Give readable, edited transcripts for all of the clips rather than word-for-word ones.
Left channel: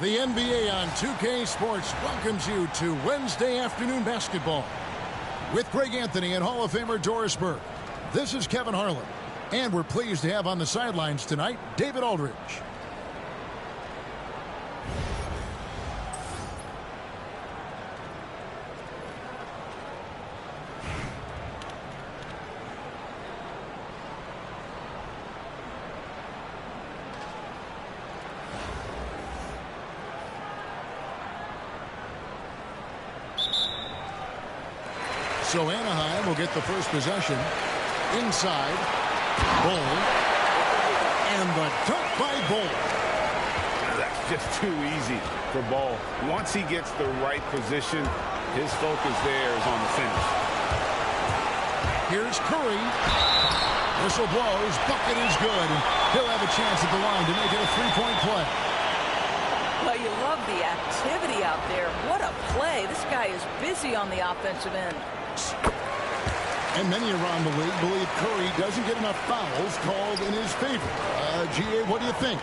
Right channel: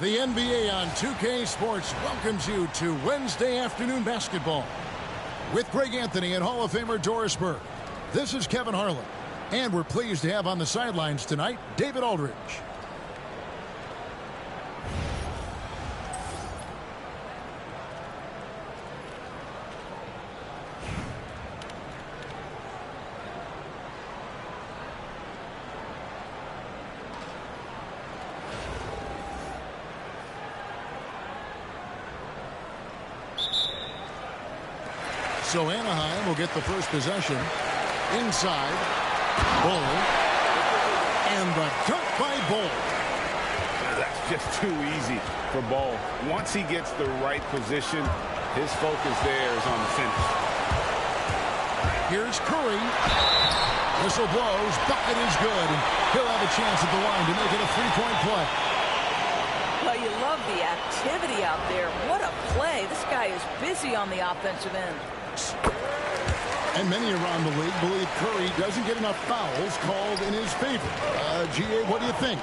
The NBA on 2K Sports welcomes you to Wednesday afternoon basketball with Greg Anthony and Hall of Famer Doris Burke. This is Kevin Harlan, and we're pleased to have on the sidelines tonight David Aldridge. So Anaheim will get the first possession. Inside. Bull. And the dunk by Bull. That's just too easy for Bull. Once he gets the right position, his focus there is on the finish. Here's Curry. Whistle blows. Bucket is good. And he'll have a chance at the line to make it a three-point play. Well, you love the activity out there. What a play. This guy is busy on the offensive end. And many around the league believe Curry doesn't get enough fouls called in his favor. GA, what do you think?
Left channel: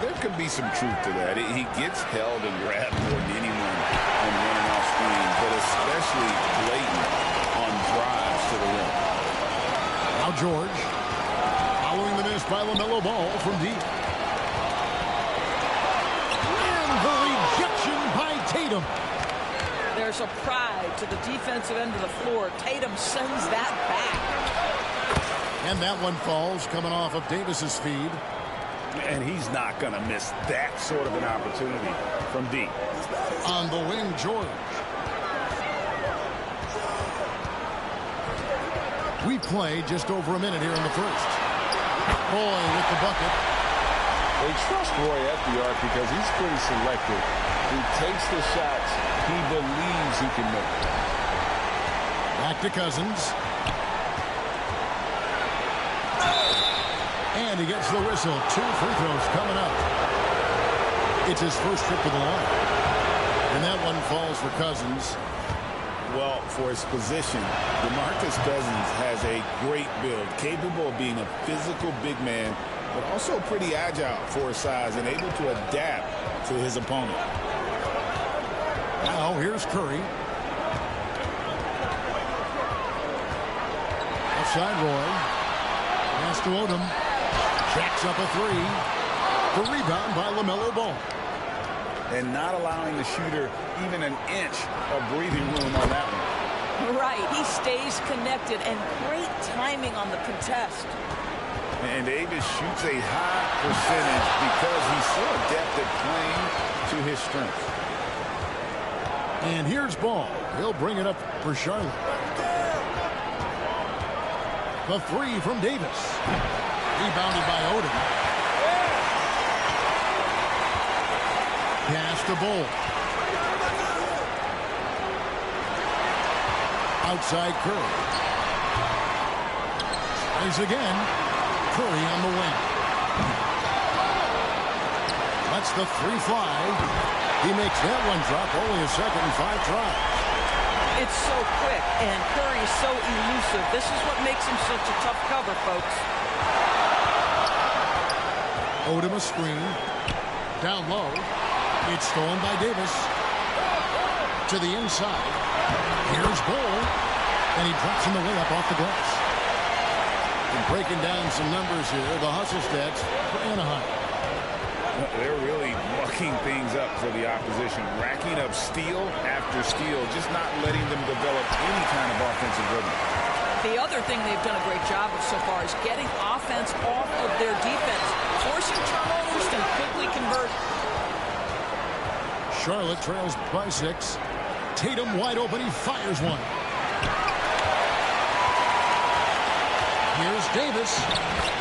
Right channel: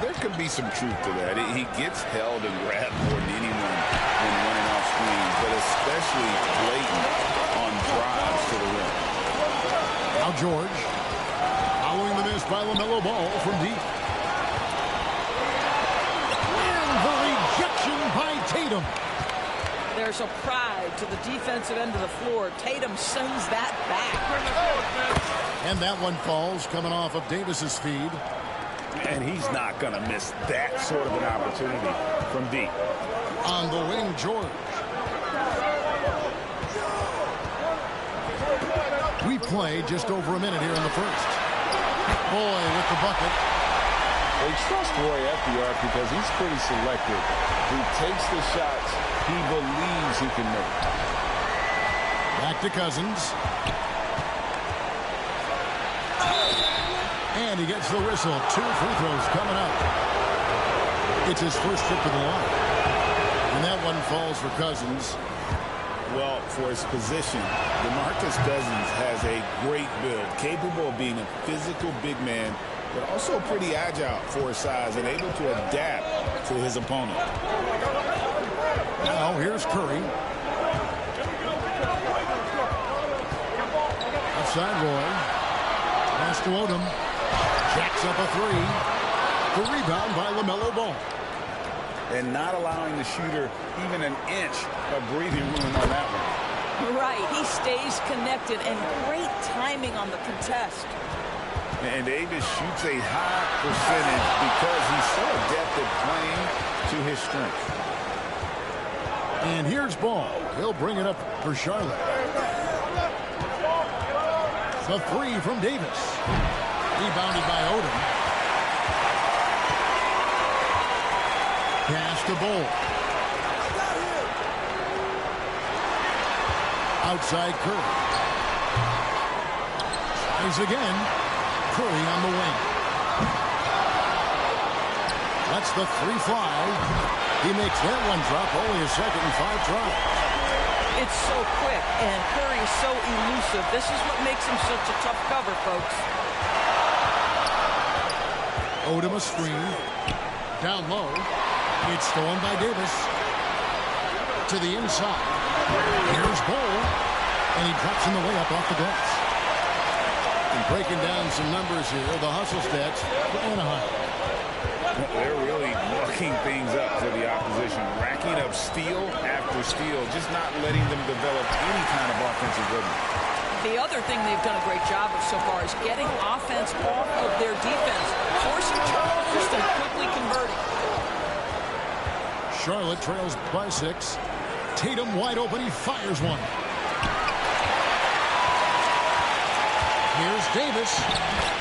There could be some truth to that. He gets held and grabbed more than anyone when running off screens, but especially blatant on drives to the rim. Now George, following the miss by LaMelo Ball from deep. And the rejection by Tatum. There's a pride to the defensive end of the floor. Tatum sends that back. And that one falls coming off of Davis's feed. And he's not going to miss that sort of an opportunity from deep. On the wing, George. We play just over a minute here in the first. Roy with the bucket. They trust Roy at the arc because he's pretty selective. He takes the shots he believes he can make. Back to Cousins. And he gets the whistle. 2 free throws coming up. It's his first trip to the line. And that one falls for Cousins. Well, for his position, DeMarcus Cousins has a great build, capable of being a physical big man, but also pretty agile for his size and able to adapt to his opponent. Now here's Curry. Outside Roy. Pass to Odom. Jacks up a three. The rebound by LaMelo Ball. And not allowing the shooter even an inch of breathing room on that one. Right. He stays connected, and great timing on the contest. And Davis shoots a high percentage because he's so adept at playing to his strengths. And here's Ball. He'll bring it up for Charlotte. The three from Davis. Rebounded by Odom. Pass to Bull. Outside Curry. Tries again. Curry on the wing. Lets the three fly. He makes that one drop. Only a second and 5 tries. It's so quick, and Curry's so elusive. This is what makes him such a tough cover, folks. Odom a screen. Down low. It's stolen by Davis. To the inside. Here's Bull. And he drops in the way up off the glass. And breaking down some numbers here, the hustle stats for Anaheim. They're really mucking things up for the opposition, racking up steal after steal, just not letting them develop any kind of offensive rhythm. The other thing they've done a great job of so far is getting offense off of their defense, forcing turnovers and quickly converting. Charlotte trails by 6. Tatum wide open. He fires one. Here's Davis.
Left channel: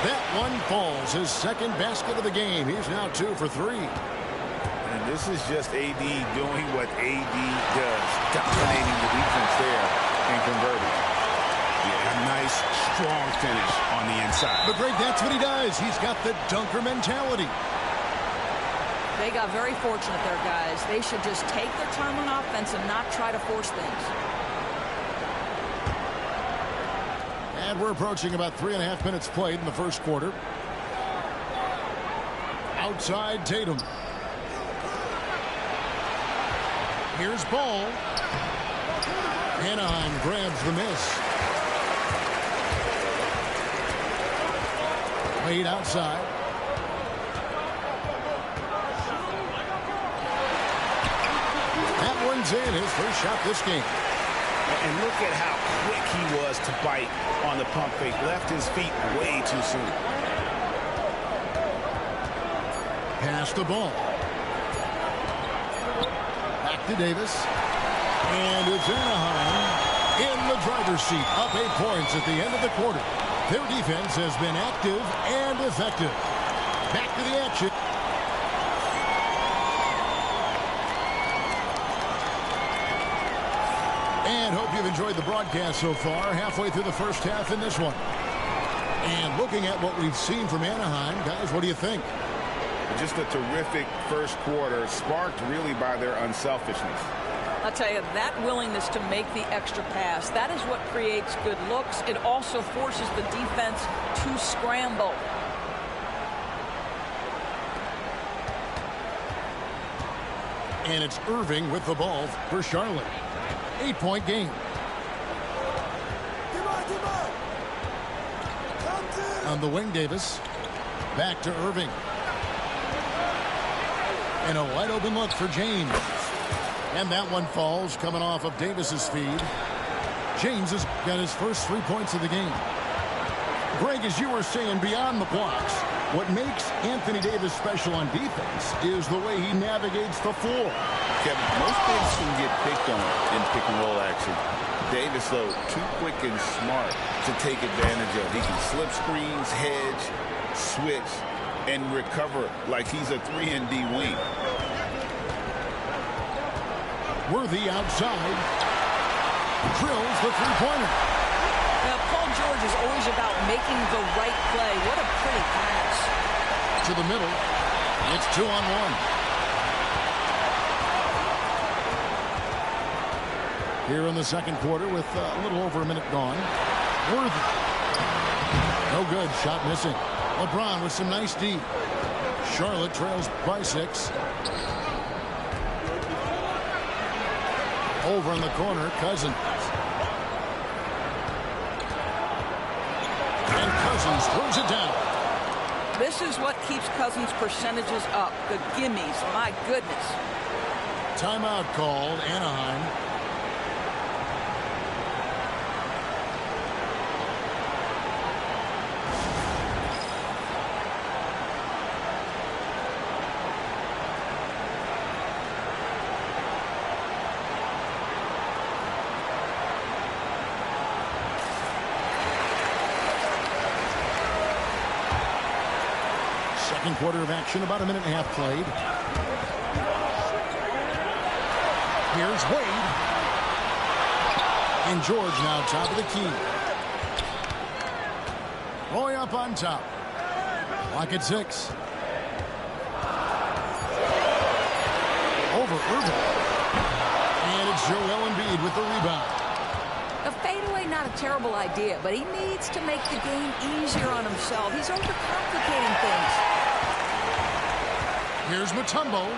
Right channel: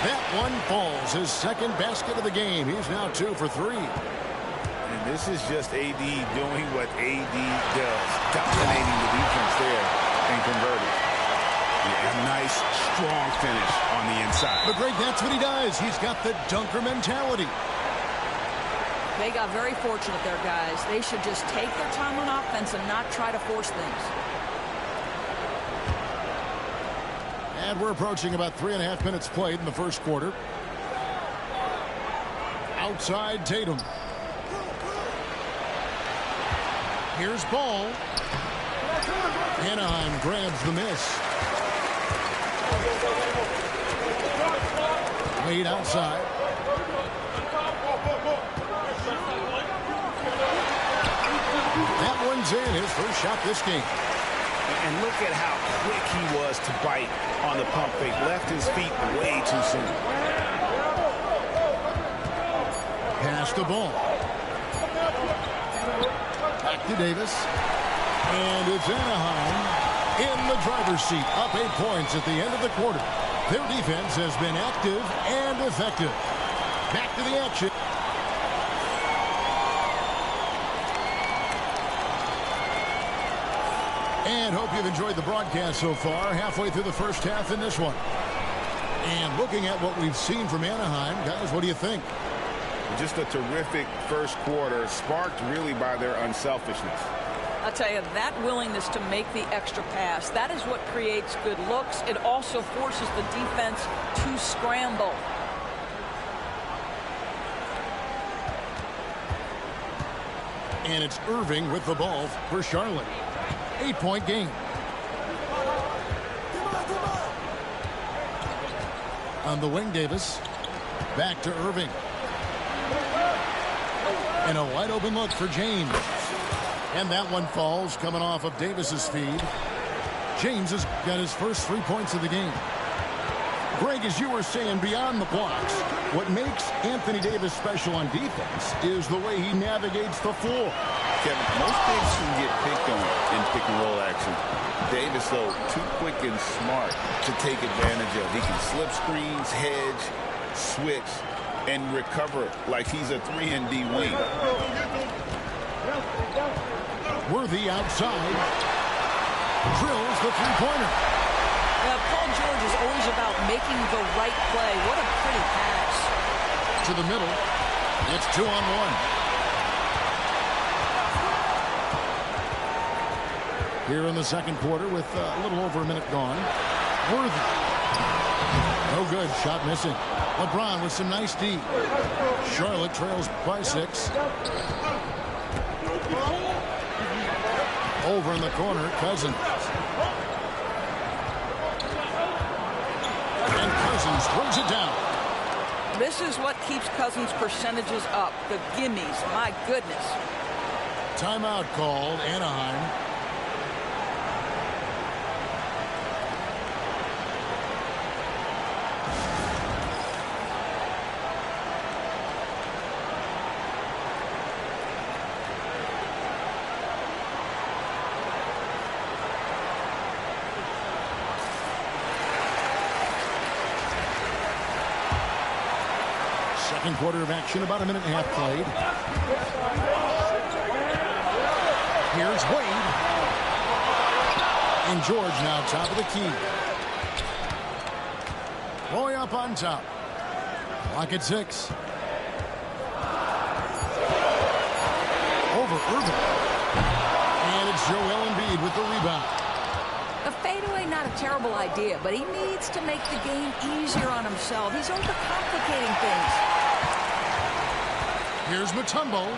That one falls. His second basket of the game. He's now 2 for 3. And this is just AD doing what AD does, dominating the defense there and converting. Yeah, a nice, strong finish on the inside. But Greg, that's what he does. He's got the dunker mentality. They got very fortunate there, guys. They should just take their time on offense and not try to force things. And we're approaching about 3.5 minutes played in the first quarter. Outside Tatum. Here's ball. Anaheim grabs the miss. Wade outside. That one's in, his first shot this game. And look at how quick he was to bite on the pump fake. Left his feet way too soon. Pass the ball. Back to Davis. And it's Anaheim in the driver's seat. Up 8 points at the end of the quarter. Their defense has been active and effective. Back to the action. And hope you've enjoyed the broadcast so far. Halfway through the first half in this one. And looking at what we've seen from Anaheim, guys, what do you think? Just a terrific first quarter, sparked really by their unselfishness. I'll tell you, that willingness to make the extra pass, that is what creates good looks. It also forces the defense to scramble. And it's Irving with the ball for Charlotte. 8-point game. On the wing, Davis. Back to Irving. And a wide open look for James. And that one falls coming off of Davis's feed. James has got his first 3 points of the game. Greg, as you were saying, beyond the blocks, what makes Anthony Davis special on defense is the way he navigates the floor. Kevin, most bigs can get picked on in pick-and-roll action. Davis, though, too quick and smart to take advantage of. He can slip screens, hedge, switch, and recover like he's a 3-and-D wing. Worthy outside. Drills the three-pointer. Now, Paul George is always about making the right play. What a pretty pass. To the middle. It's 2-on-1. Here in the second quarter with a little over a minute gone. Worthy. No good. Shot missing. LeBron with some nice D. Charlotte trails by 6. Over in the corner, Cousins. And Cousins throws it down. This is what keeps Cousins' percentages up. The gimmies. My goodness. Timeout called, Anaheim. Second quarter of action, about a minute and a half played. Here's Wade. And George now top of the key. Roy up on top. Clock at 6. Over Irving. And it's Joel Embiid with the rebound. A fadeaway, not a terrible idea, but he needs to make the game easier on himself. He's overcomplicating things. Here's Mutombo.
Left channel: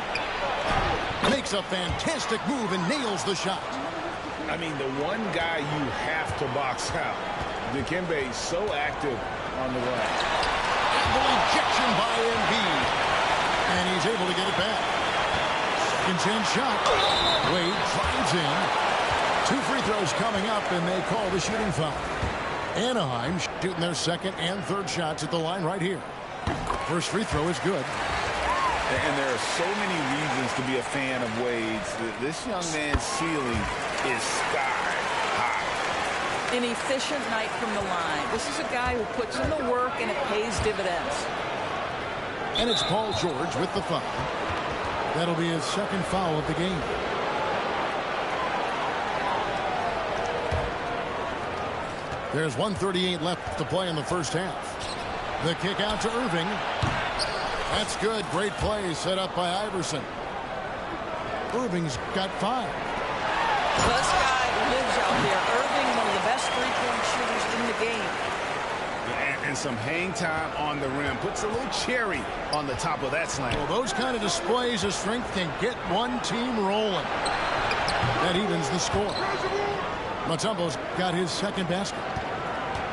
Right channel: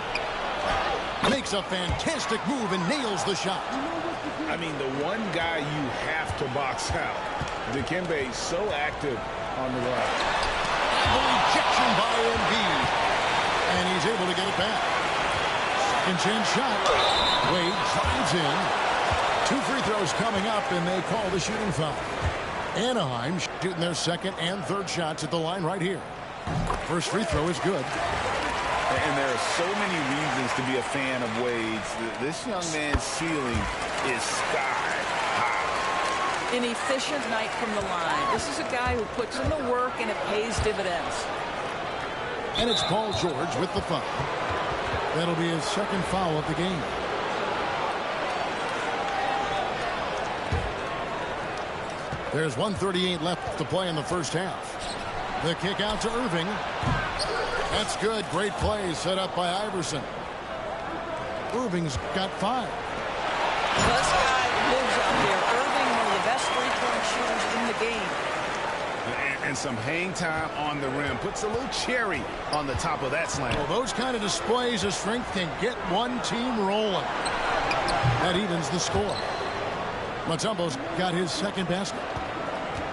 Makes a fantastic move and nails the shot. I mean, the one guy you have to box out. Dikembe so active on the run. And the rejection by Embiid. And he's able to get it back. Second chance shot. Wade drives in. 2 free throws coming up, and they call the shooting foul. Anaheim shooting their second and third shots at the line right here. First free throw is good. And there are so many reasons to be a fan of Wade's. This young man's ceiling is sky high. An efficient night from the line. This is a guy who puts in the work, and it pays dividends. And it's Paul George with the foul. That'll be his second foul of the game. There's 1:38 left to play in the first half. The kick out to Irving. That's good. Great play set up by Iverson. Irving's got 5. This guy lives out there. Irving, one of the best three-point shooters in the game. And some hang time on the rim. Puts a little cherry on the top of that slam. Well, those kind of displays of strength can get one team rolling. That evens the score. Mutombo's got his second basket.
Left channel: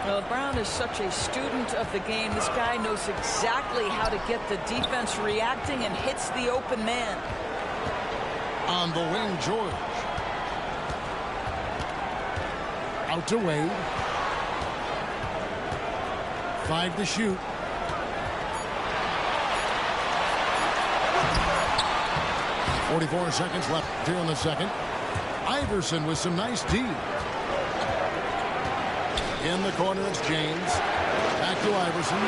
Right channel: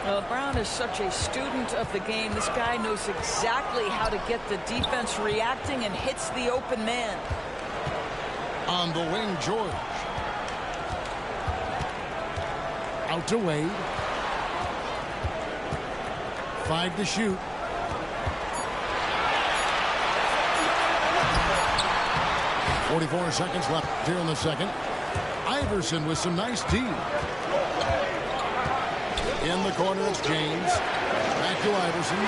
LeBron is such a student of the game. This guy knows exactly how to get the defense reacting and hits the open man. On the wing, George. Out to Wade. 5 to shoot. .44 seconds left here in the second. Iverson with some nice D. In the corner, it's James. Back to Iverson.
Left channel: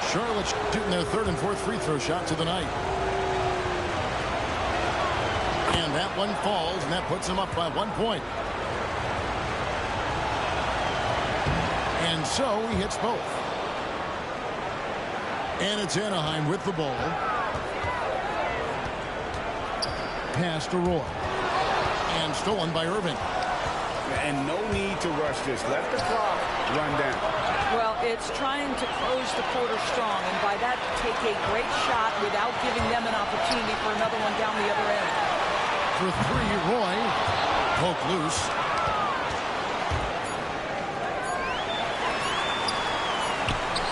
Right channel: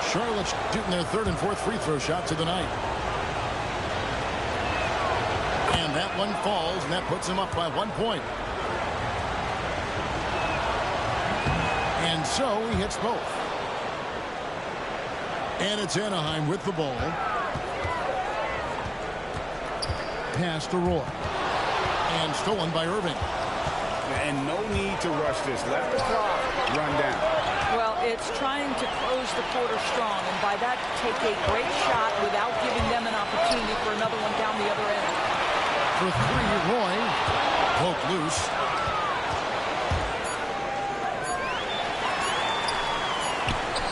Charlotte shooting their third and fourth free throw shots of the night. And that one falls, and that puts them up by 1 point. And so he hits both. And it's Anaheim with the ball. Pass to Roy. And stolen by Irving. And no need to rush this. Let the clock run down. Well, it's trying to close the quarter strong, and by that, take a great shot without giving them an opportunity for another one down the other end. For three, Roy. Poke loose.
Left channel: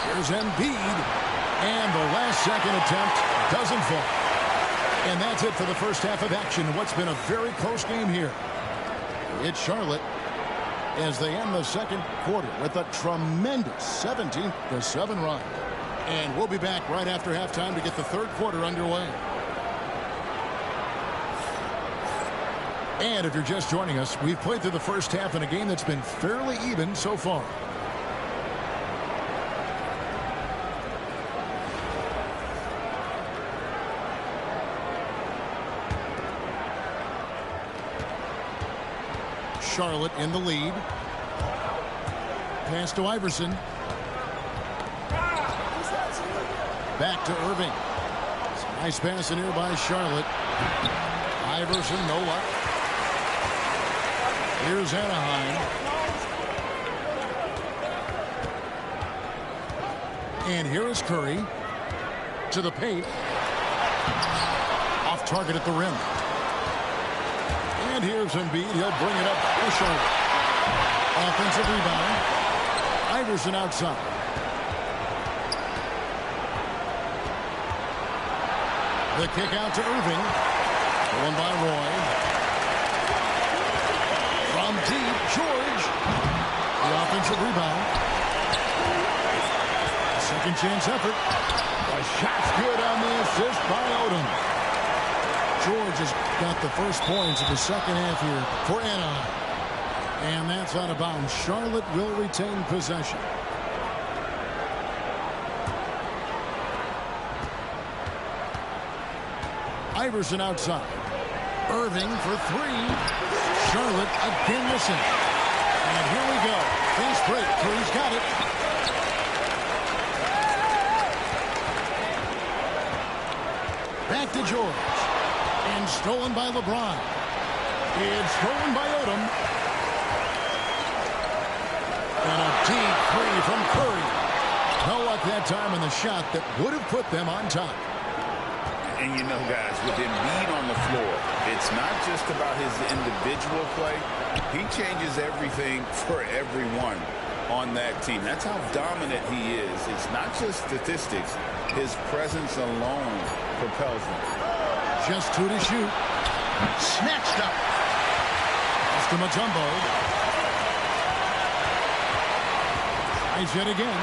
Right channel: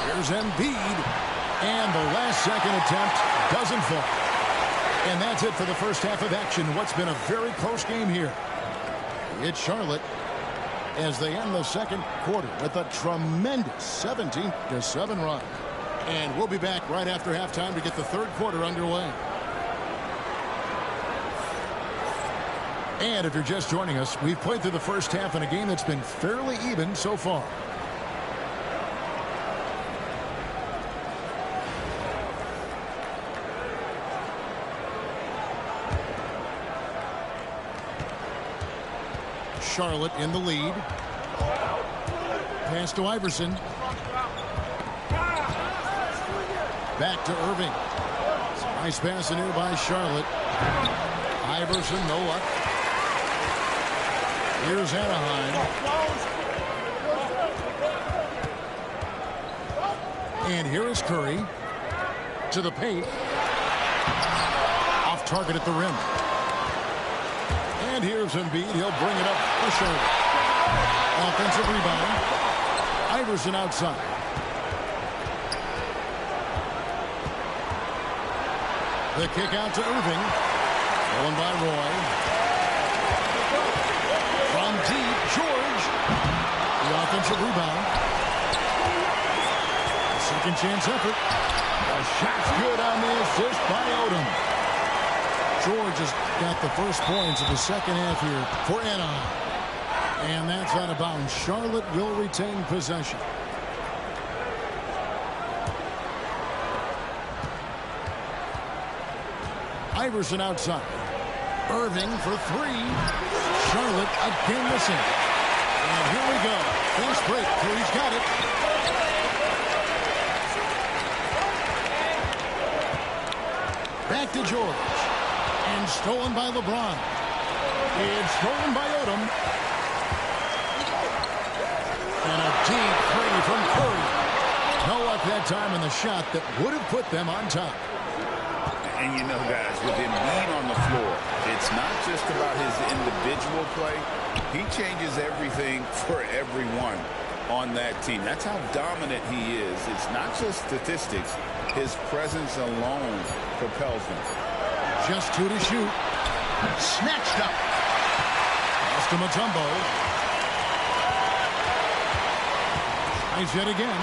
Here's Embiid. And the last second attempt doesn't fall. And that's it for the first half of action. What's been a very close game here. It's Charlotte as they end the second quarter with a tremendous 17-7 run. And we'll be back right after halftime to get the third quarter underway. And if you're just joining us, we've played through the first half in a game that's been fairly even so far. Charlotte in the lead. Pass to Iverson. Back to Irving. Nice pass in here by Charlotte. Iverson, no luck. Here's Anaheim. And here is Curry. To the paint. Off target at the rim. And here's Embiid. He'll bring it up for Charlotte. Offensive rebound. Iverson outside. The kick out to Irving. Stolen by Roy. From deep, George. The offensive rebound. A second chance effort. The shot's good on the assist by Odom. George has got the first points of the second half here for Anaheim. And that's out of bounds. Charlotte will retain possession. Iverson outside. Irving for three. Charlotte again missing. And here we go. Fast break. Curry's got it. Back to George. And stolen by LeBron. It's stolen by Odom. And a deep three from Curry. No luck that time on the shot that would have put them on top. And you know, guys, with Embiid on the floor, it's not just about his individual play. He changes everything for everyone on that team. That's how dominant he is. It's not just statistics. His presence alone propels them. Just two to shoot. Snatched up. Pass to Mutombo. Tries yet again.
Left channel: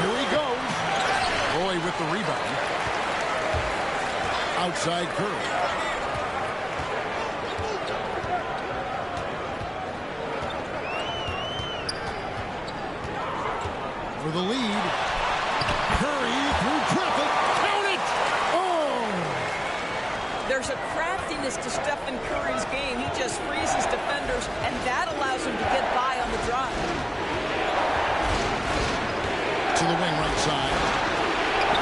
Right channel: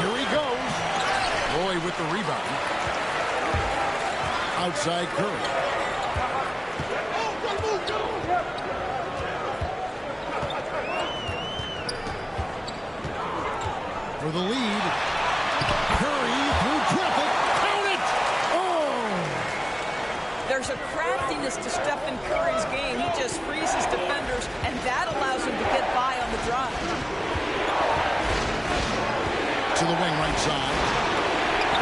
Here he goes. Roy with the rebound. Outside Curry. For the lead. Curry through traffic. Count it! Oh! There's a craftiness to Stephen Curry's game. He just freezes defenders, and that allows him to get by on the drive. To the wing right side.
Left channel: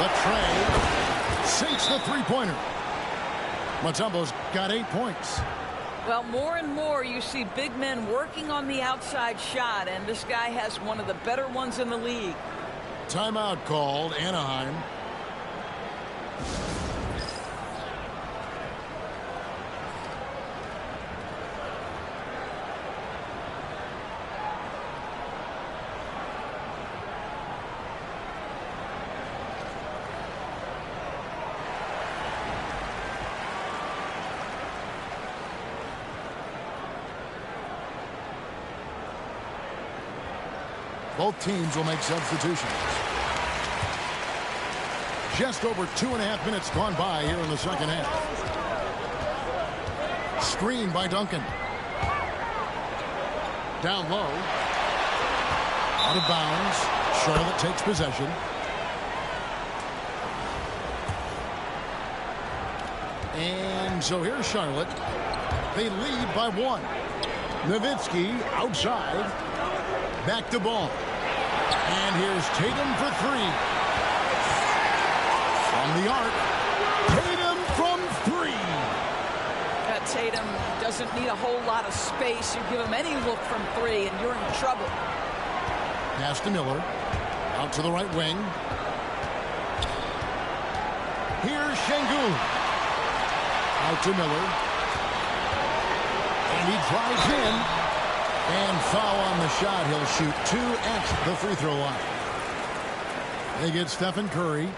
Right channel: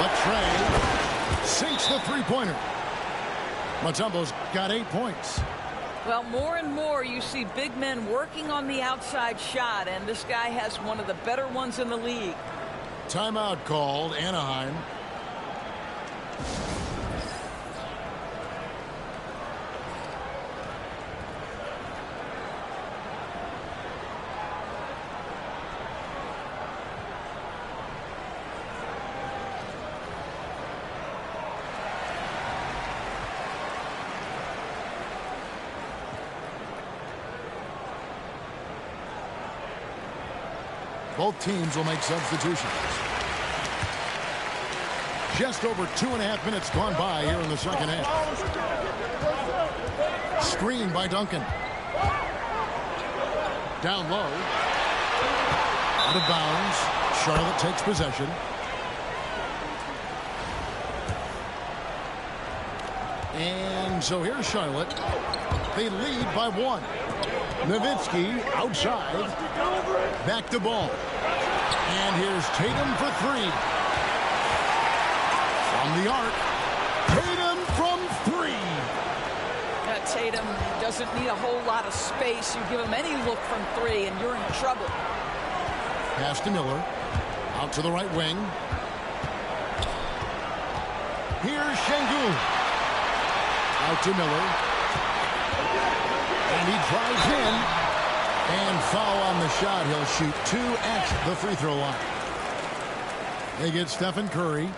Latrey sinks the three-pointer. Mutombo's got 8 points. Well, more and more you see big men working on the outside shot, and this guy has one of the better ones in the league. Timeout called, Anaheim. Both teams will make substitutions. Just over 2.5 minutes gone by here in the second half. Screen by Duncan. Down low. Out of bounds. Charlotte takes possession. And so here's Charlotte. They lead by 1. Nowitzki outside. Back to ball. And here's Tatum for 3. From the arc. Tatum from 3. Tatum doesn't need a whole lot of space. You give him any look from 3 and you're in trouble. Pass to Miller. Out to the right wing. Here's Şengün. Out to Miller. And he drives in. And foul on the shot. He'll shoot 2 at the free throw line. They get Stephen Curry.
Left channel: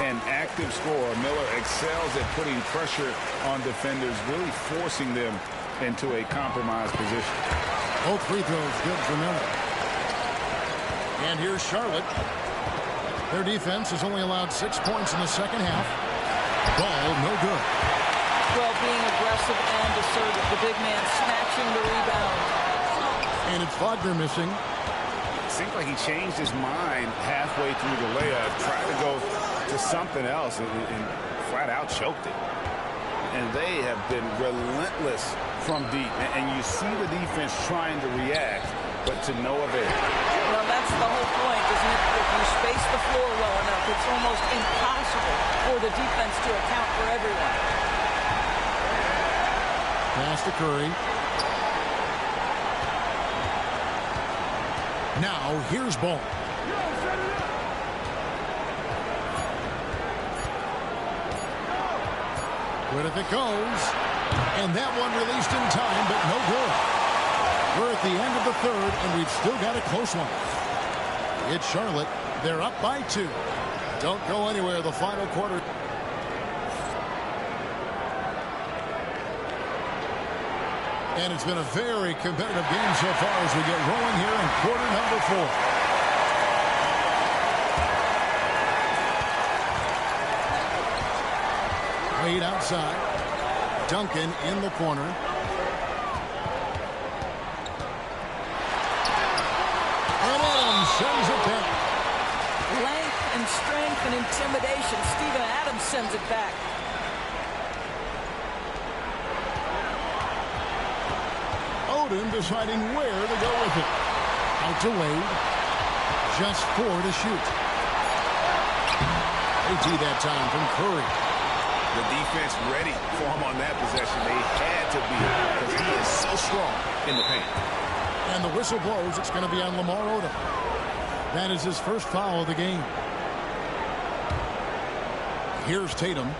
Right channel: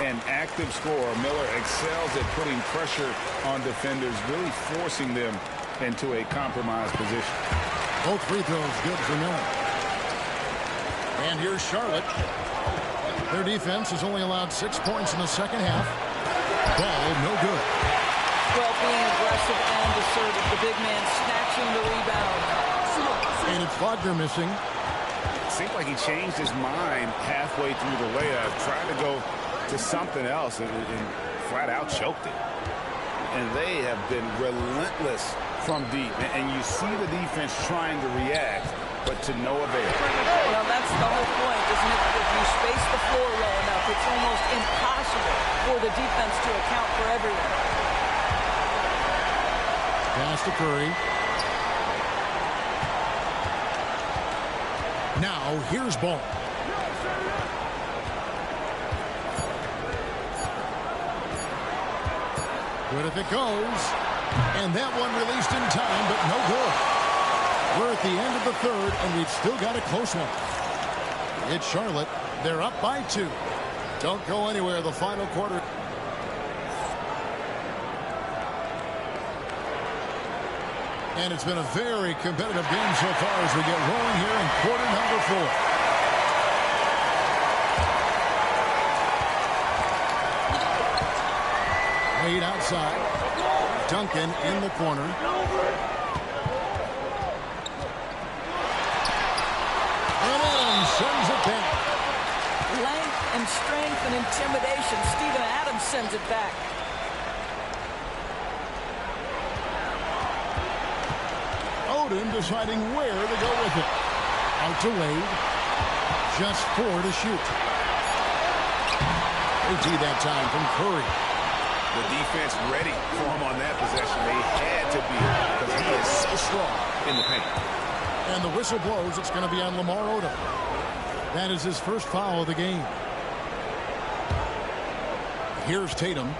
An active scorer. Miller excels at putting pressure on defenders, really forcing them into a compromised position. Both free throws good for Miller. And here's Charlotte. Their defense has only allowed 6 points in the second half. Ball no good. Well, being aggressive and assertive. The big man snatching the rebound. And it's Wagner missing. It seemed like he changed his mind halfway through the layup, tried to go to something else, and flat out choked it. And they have been relentless from deep. And you see the defense trying to react, but to no avail. Well, that's the whole point, isn't it? If you space the floor well enough, it's almost impossible for the defense to account for everyone. Pass to Curry. Now, here's Ball. Good if it goes. And that one released in time, but no good. We're at the end of the third, and we've still got a close one. It's Charlotte. They're up by 2. Don't go anywhere. The final quarter. And it's been a very competitive game so far as we get rolling here in quarter number 4. Wade outside. Duncan in the corner. And Adams sends it back. Length and strength and intimidation. Steven Adams sends it back. Odin deciding where to go with it. Out to Wade. Just 4 to shoot. AT that time from Curry. The defense ready for him on that possession. They had to be, because he is so strong in the paint. And the whistle blows. It's going to be on Lamar Odom. That is his first foul of the game. Here's Tatum.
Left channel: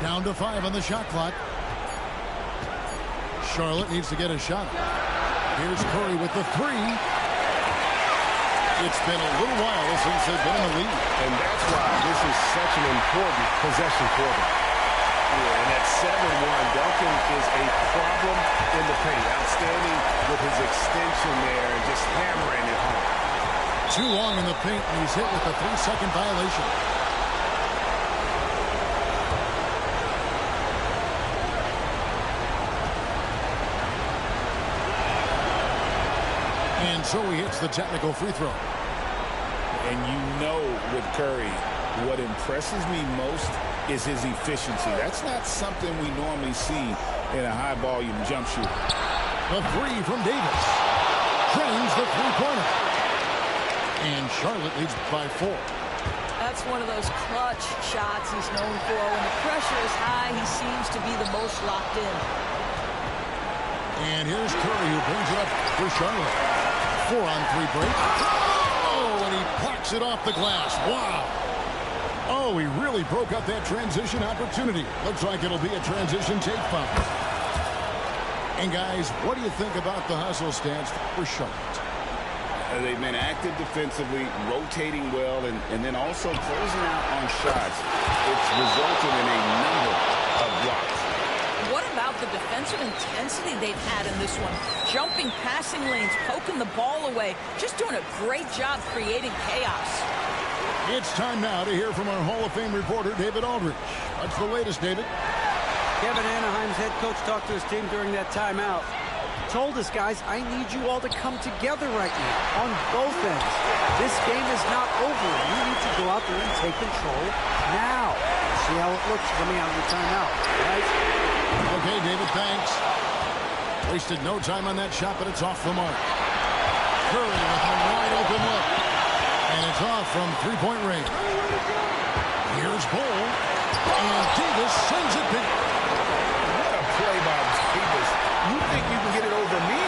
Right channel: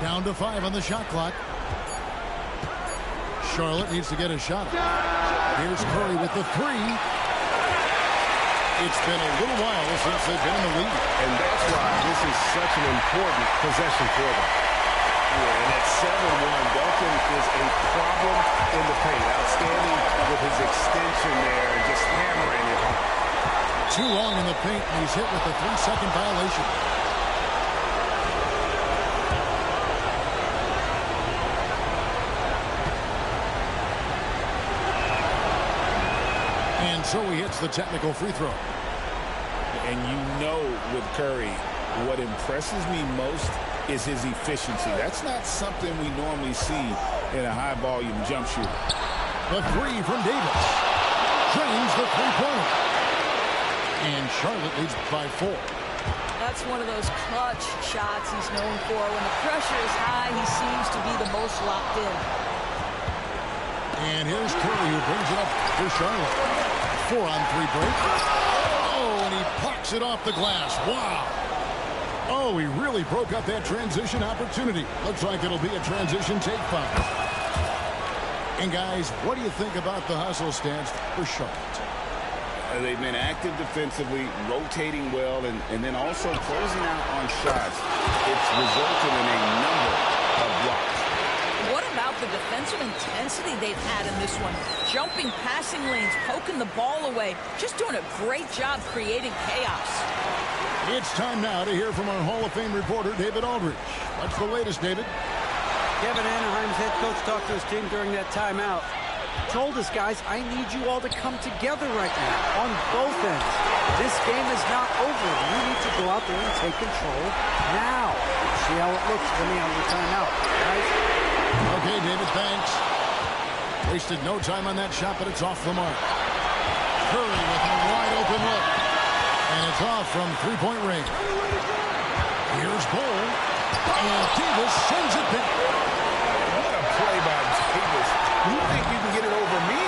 Down to 5 on the shot clock. Charlotte needs to get a shot. Here's Curry with the 3. It's been a little while since they've been in the lead. And that's why this is such an important possession for them. Yeah, and at 7-1, Duncan is a problem in the paint. Outstanding with his extension there and just hammering it home. Too long in the paint, and he's hit with a 3-second violation. And so he hits the technical free throw. And you know with Curry, what impresses me most is his efficiency. That's not something we normally see in a high-volume jump shooter. The 3 from Davis. Drains the three-pointer. And Charlotte leads by 4. That's one of those clutch shots he's known for. When the pressure is high, he seems to be the most locked in. And here's Curry, who brings it up for Charlotte. 4-on-3 break. Oh, and he plucks it off the glass. Wow. Oh, he really broke up that transition opportunity. Looks like it'll be a transition take foul. And guys, what do you think about the hustle stance for Charlotte? They've been active defensively, rotating well, and then also closing out on shots. It's resulted in a number of blocks. What about the defensive intensity they've had in this one? Jumping passing lanes, poking the ball away, just doing a great job creating chaos. It's time now to hear from our Hall of Fame reporter, David Aldridge. What's the latest, David? Kevin Anaheim's head coach talked to his team during that timeout. Told us, guys, I need you all to come together right now on both ends. This game is not over. You need to go out there and take control now. See how it looks coming out of the timeout, guys? Okay, David, thanks. Wasted no time on that shot, but it's off the mark. Curry with a wide open look. And it's off from three-point range. Here's Bol. And Davis sends it back. What a play by Davis. You think you can get it over me?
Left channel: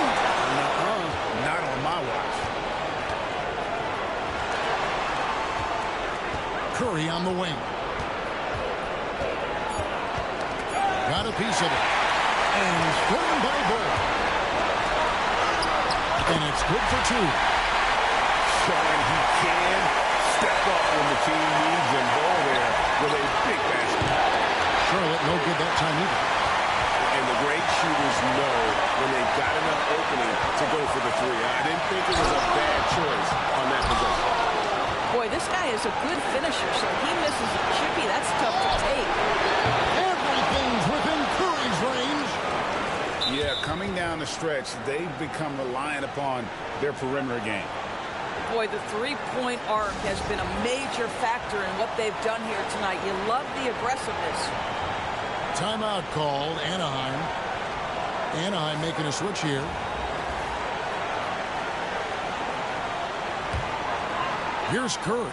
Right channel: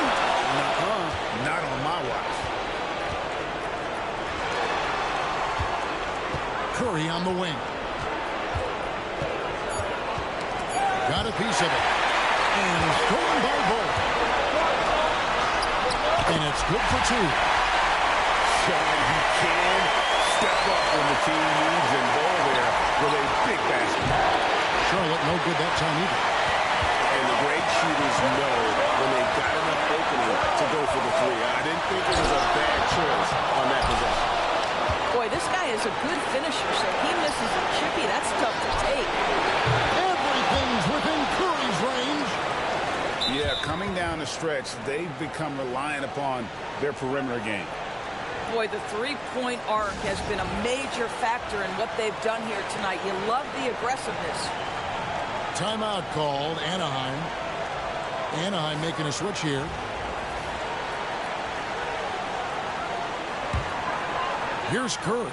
Nuh-uh. Not on my watch. Curry on the wing. Got a piece of it. And stolen by Bol. And it's good for two. Showing he can step up when the team needs him. Bol there with a big basket. Charlotte no good that time either. And the great shooters know when they've got enough opening to go for the three. I didn't think it was a bad choice on that possession. Boy, this guy is a good finisher, so he misses a chippy. That's tough to take. Everything's within Curry's range. Yeah, coming down the stretch, they've become reliant upon their perimeter game. Boy, the three-point arc has been a major factor in what they've done here tonight. You love the aggressiveness. Timeout called, Anaheim. Anaheim making a switch here. Here's Curry.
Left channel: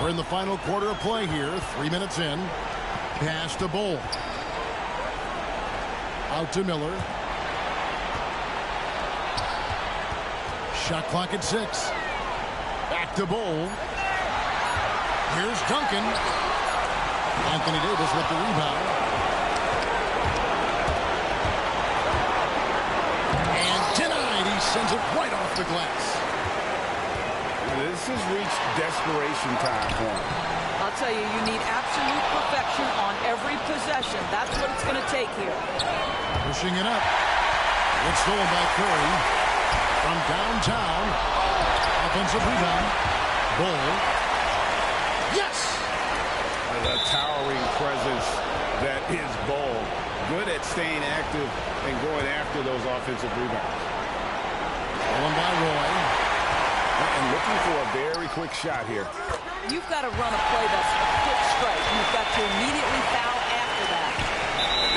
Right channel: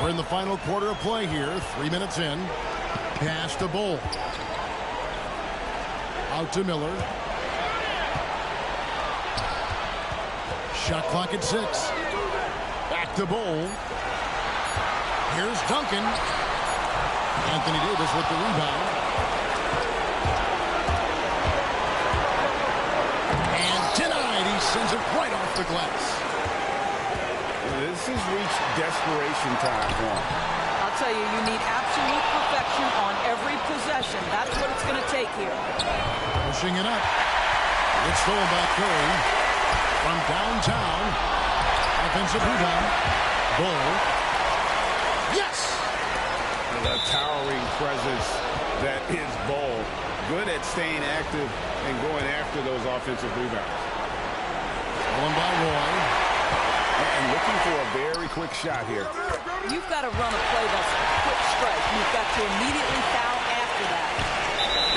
We're in the final quarter of play here. 3 minutes in. Pass to Bol. Out to Miller. Shot clock at 6. Back to Bol. Here's Duncan. Anthony Davis with the rebound. And denied. He sends it right off the glass. This has reached desperation time for him. I'll tell you, you need absolute perfection on every possession. That's what it's going to take here. Pushing it up. It's stolen by Curry. From downtown. Offensive rebound. Bol. Yes! The towering presence that is Bol. Good at staying active and going after those offensive rebounds. Stolen by Roy. And looking for a very quick shot here. You've got to run a play that's a quick strike. You've got to immediately foul after that.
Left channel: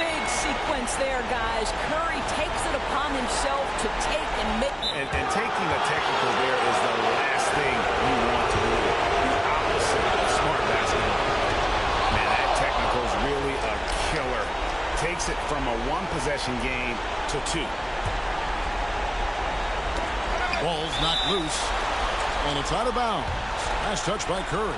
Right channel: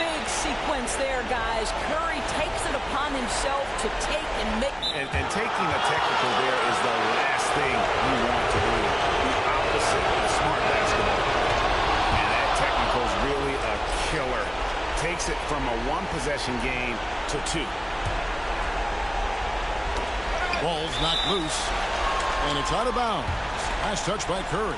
Big sequence there, guys. Curry takes it upon himself to take and make. And taking a technical there is the last thing you want to do. The opposite of smart basketball. Man, that technical is really a killer. Takes it from a one-possession game to two. Ball's knocked loose. And it's out of bounds. Last touch by Curry.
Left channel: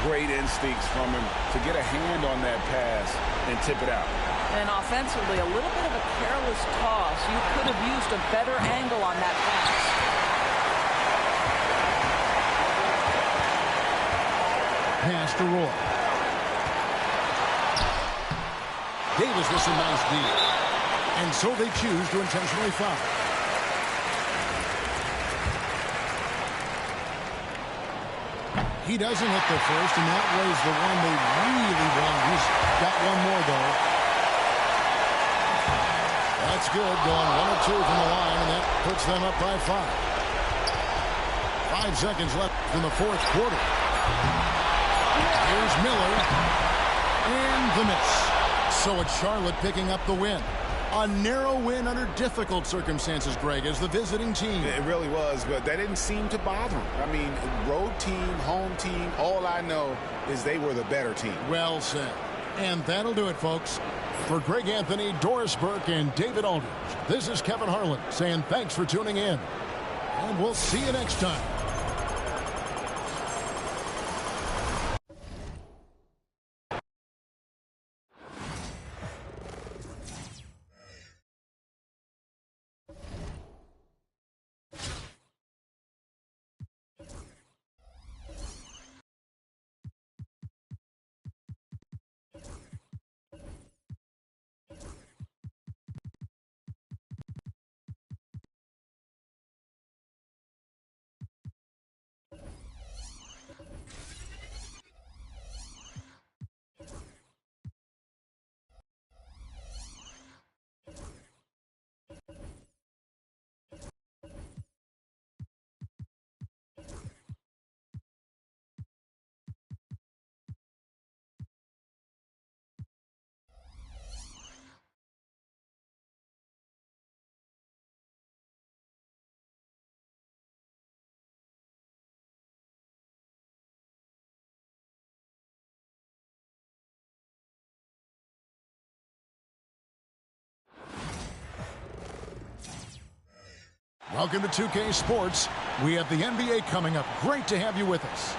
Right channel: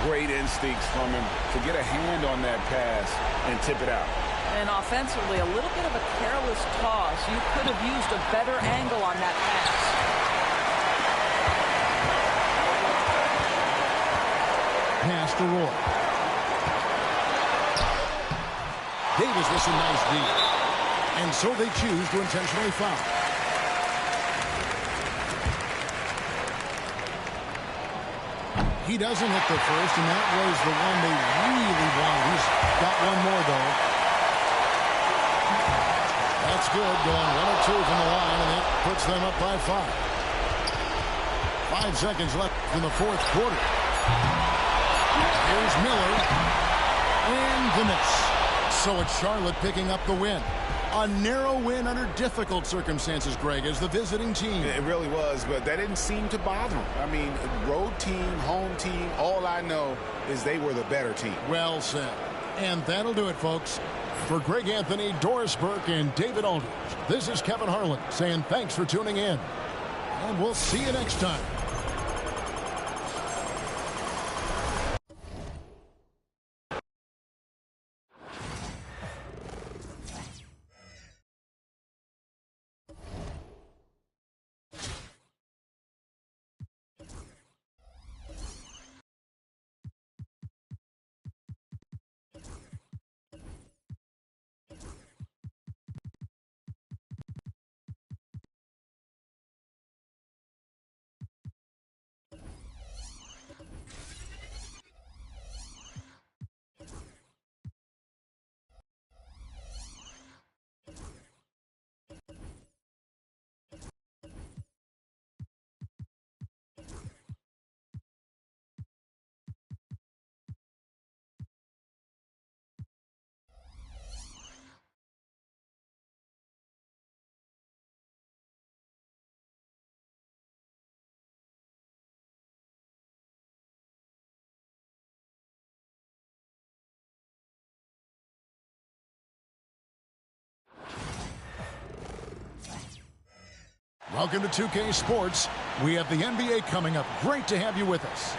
Great instincts from him to get a hand on that pass and tip it out. And offensively, a little bit of a careless toss. You could have used a better angle on that pass. Pass to Roy. Davis with some nice D. And so they choose to intentionally foul. He doesn't hit the first, and that was the one they really wanted. He's got one more, though. That's good. Going 1 or 2 from the line, and that puts them up by 5. 5 seconds left in the fourth quarter. Here's Miller. And the miss. So it's Charlotte picking up the win. A narrow win under difficult circumstances, Greg, as the visiting team. It really was, but that didn't seem to bother him. I mean, road team, home team, all I know is they were the better team. Well said. And that'll do it, folks. For Greg Anthony, Doris Burke, and David Aldridge, this is Kevin Harlan saying thanks for tuning in. And we'll see you next time. Welcome to 2K Sports. We have the NBA coming up. Great to have you with us.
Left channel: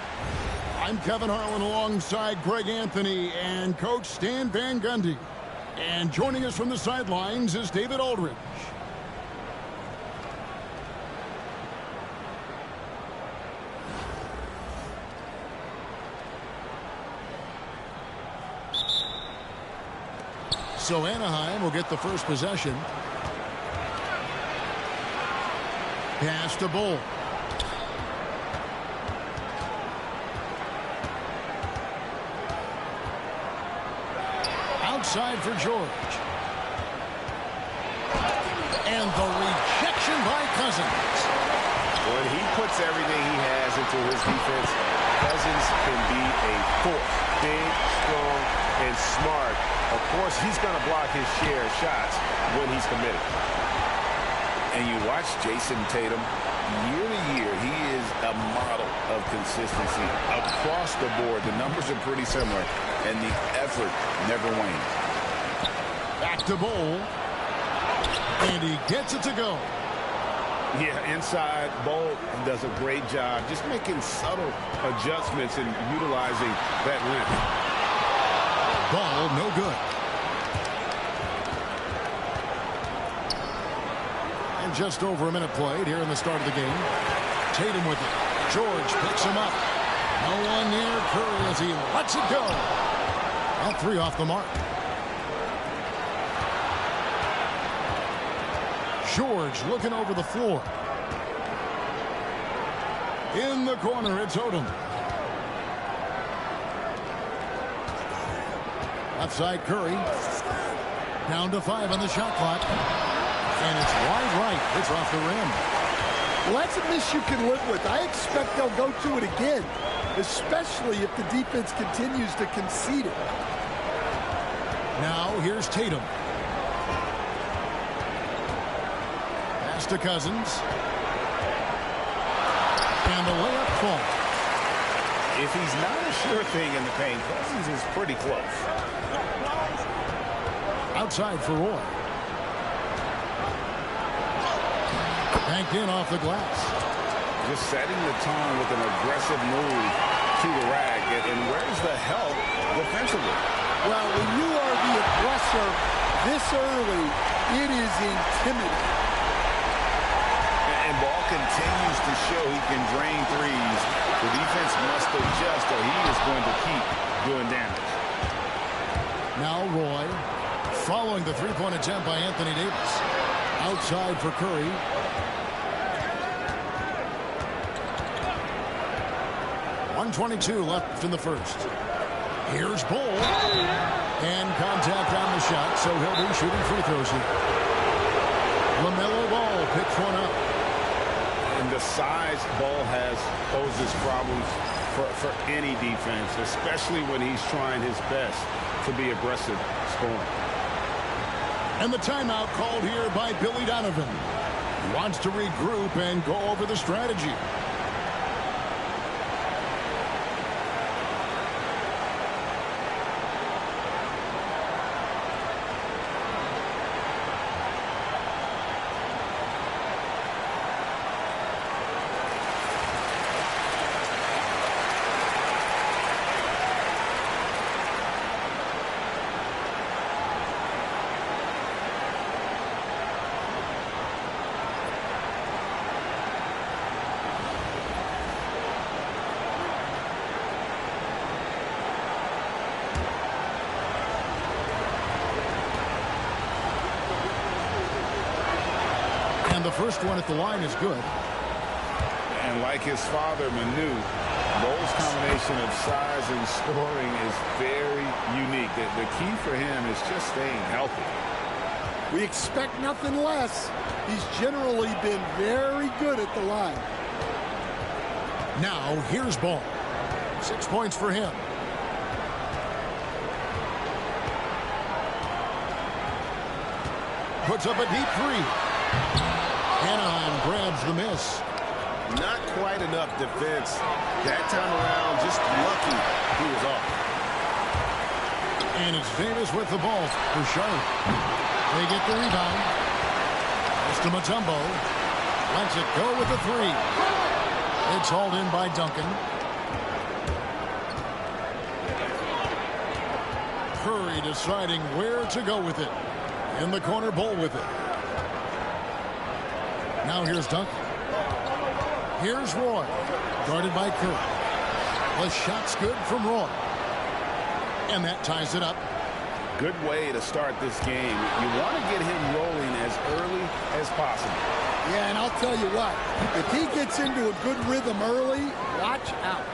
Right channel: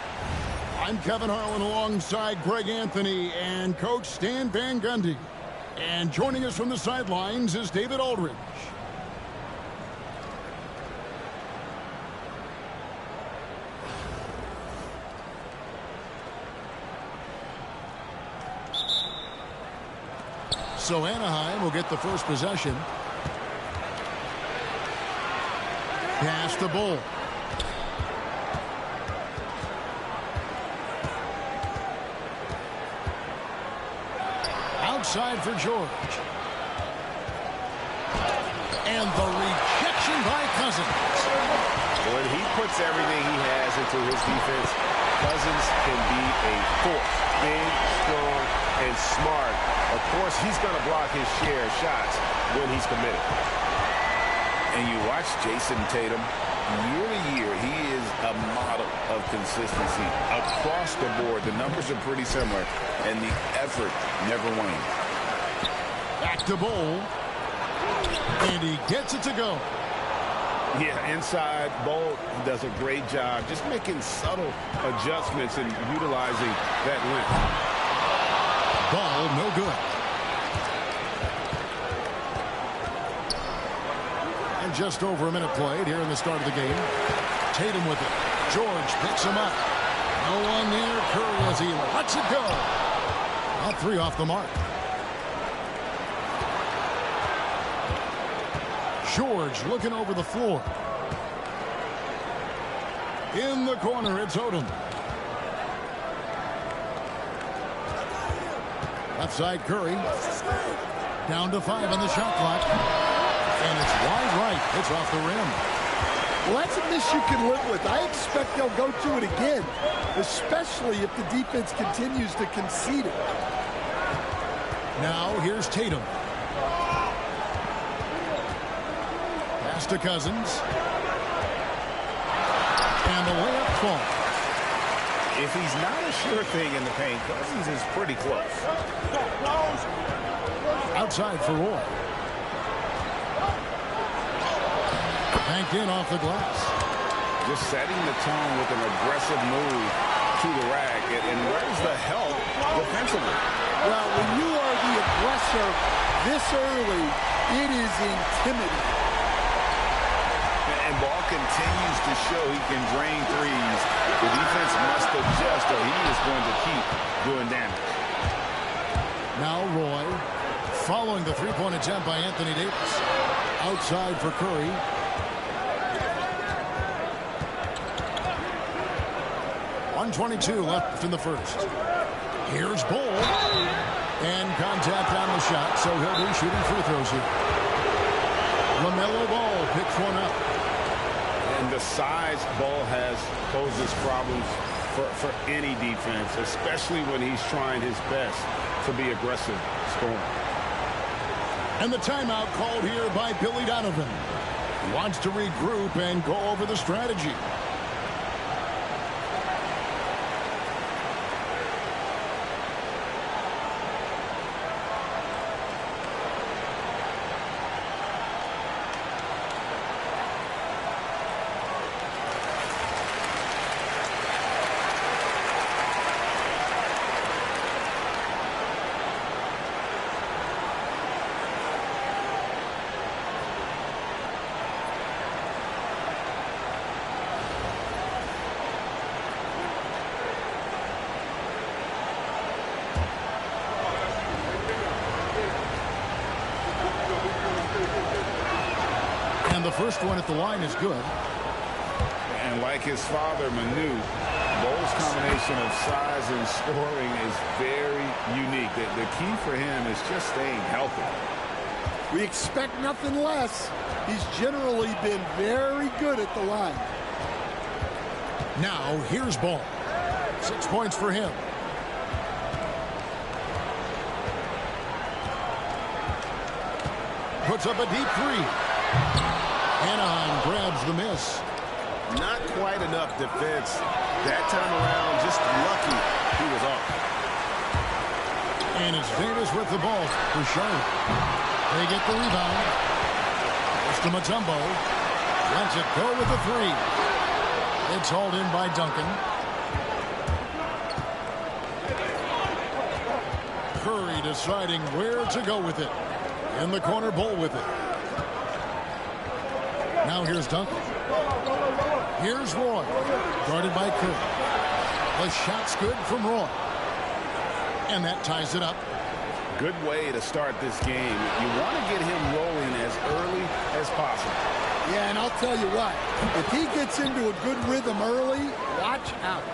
I'm Kevin Harlan alongside Greg Anthony and Coach Stan Van Gundy. And joining us from the sidelines is David Aldridge. So Anaheim will get the first possession. Pass to Bull. Outside for George. And the rejection by Cousins. When he puts everything he has into his defense, Cousins can be a force. Big, strong, and smart. Of course, he's going to block his share of shots when he's committed. And you watch Jason Tatum, year to year, he is a model of consistency across the board. The numbers are pretty similar, and the effort never wanes. Back to Bull. And he gets it to go. Yeah, inside, Bull does a great job just making subtle adjustments and utilizing that length. Ball no good. And just over a minute played here in the start of the game. Tatum with it. George picks him up. No one near Curry as he lets it go. Well, 3 off the mark. George looking over the floor. In the corner, it's Odom. Left side, Curry. Down to 5 on the shot clock. And it's wide right. It's off the rim. Well, that's a miss you can live with. I expect they'll go to it again, especially if the defense continues to concede it. Now, here's Tatum. Pass to Cousins. And the layup falls. If he's not a sure thing in the paint, Cousins is pretty close. Outside for Roy. Banked in off the glass. Just setting the tone with an aggressive move to the rack. And where's the help defensively? Well, when you are the aggressor this early, it is intimidating. And Ball continues to show he can drain threes. The defense must adjust or he is going to keep doing damage. Now Roy following the three-point attempt by Anthony Davis. Outside for Curry. .122 left in the first. Here's Bull. And contact on the shot, so he'll be shooting free throws here. LaMelo Ball picks one up. And the size Ball has poses problems for any defense, especially when he's trying his best to be aggressive scoring. And the timeout called here by Billy Donovan. He wants to regroup and go over the strategy. And the first one at the line is good. And like his father, Manu, Bo's combination of size and scoring is very unique. The key for him is just staying healthy. We expect nothing less. He's generally been very good at the line. Now, here's Ball. 6 points for him. Puts up a deep three. Anaheim grabs the miss. Not quite enough defense. That time around, just lucky he was off. And it's Davis with the ball for Charlotte. They get the rebound. Pass to Mutombo. Lets it go with the three. It's hauled in by Duncan. Curry deciding where to go with it. In the corner, Bull with it. Now here's Duncan. Here's Roy. Guarded by Curry. The shot's good from Roy. And that ties it up. Good way to start this game. You want to get him rolling as early as possible. Yeah, and I'll tell you what. If he gets into a good rhythm early, watch out.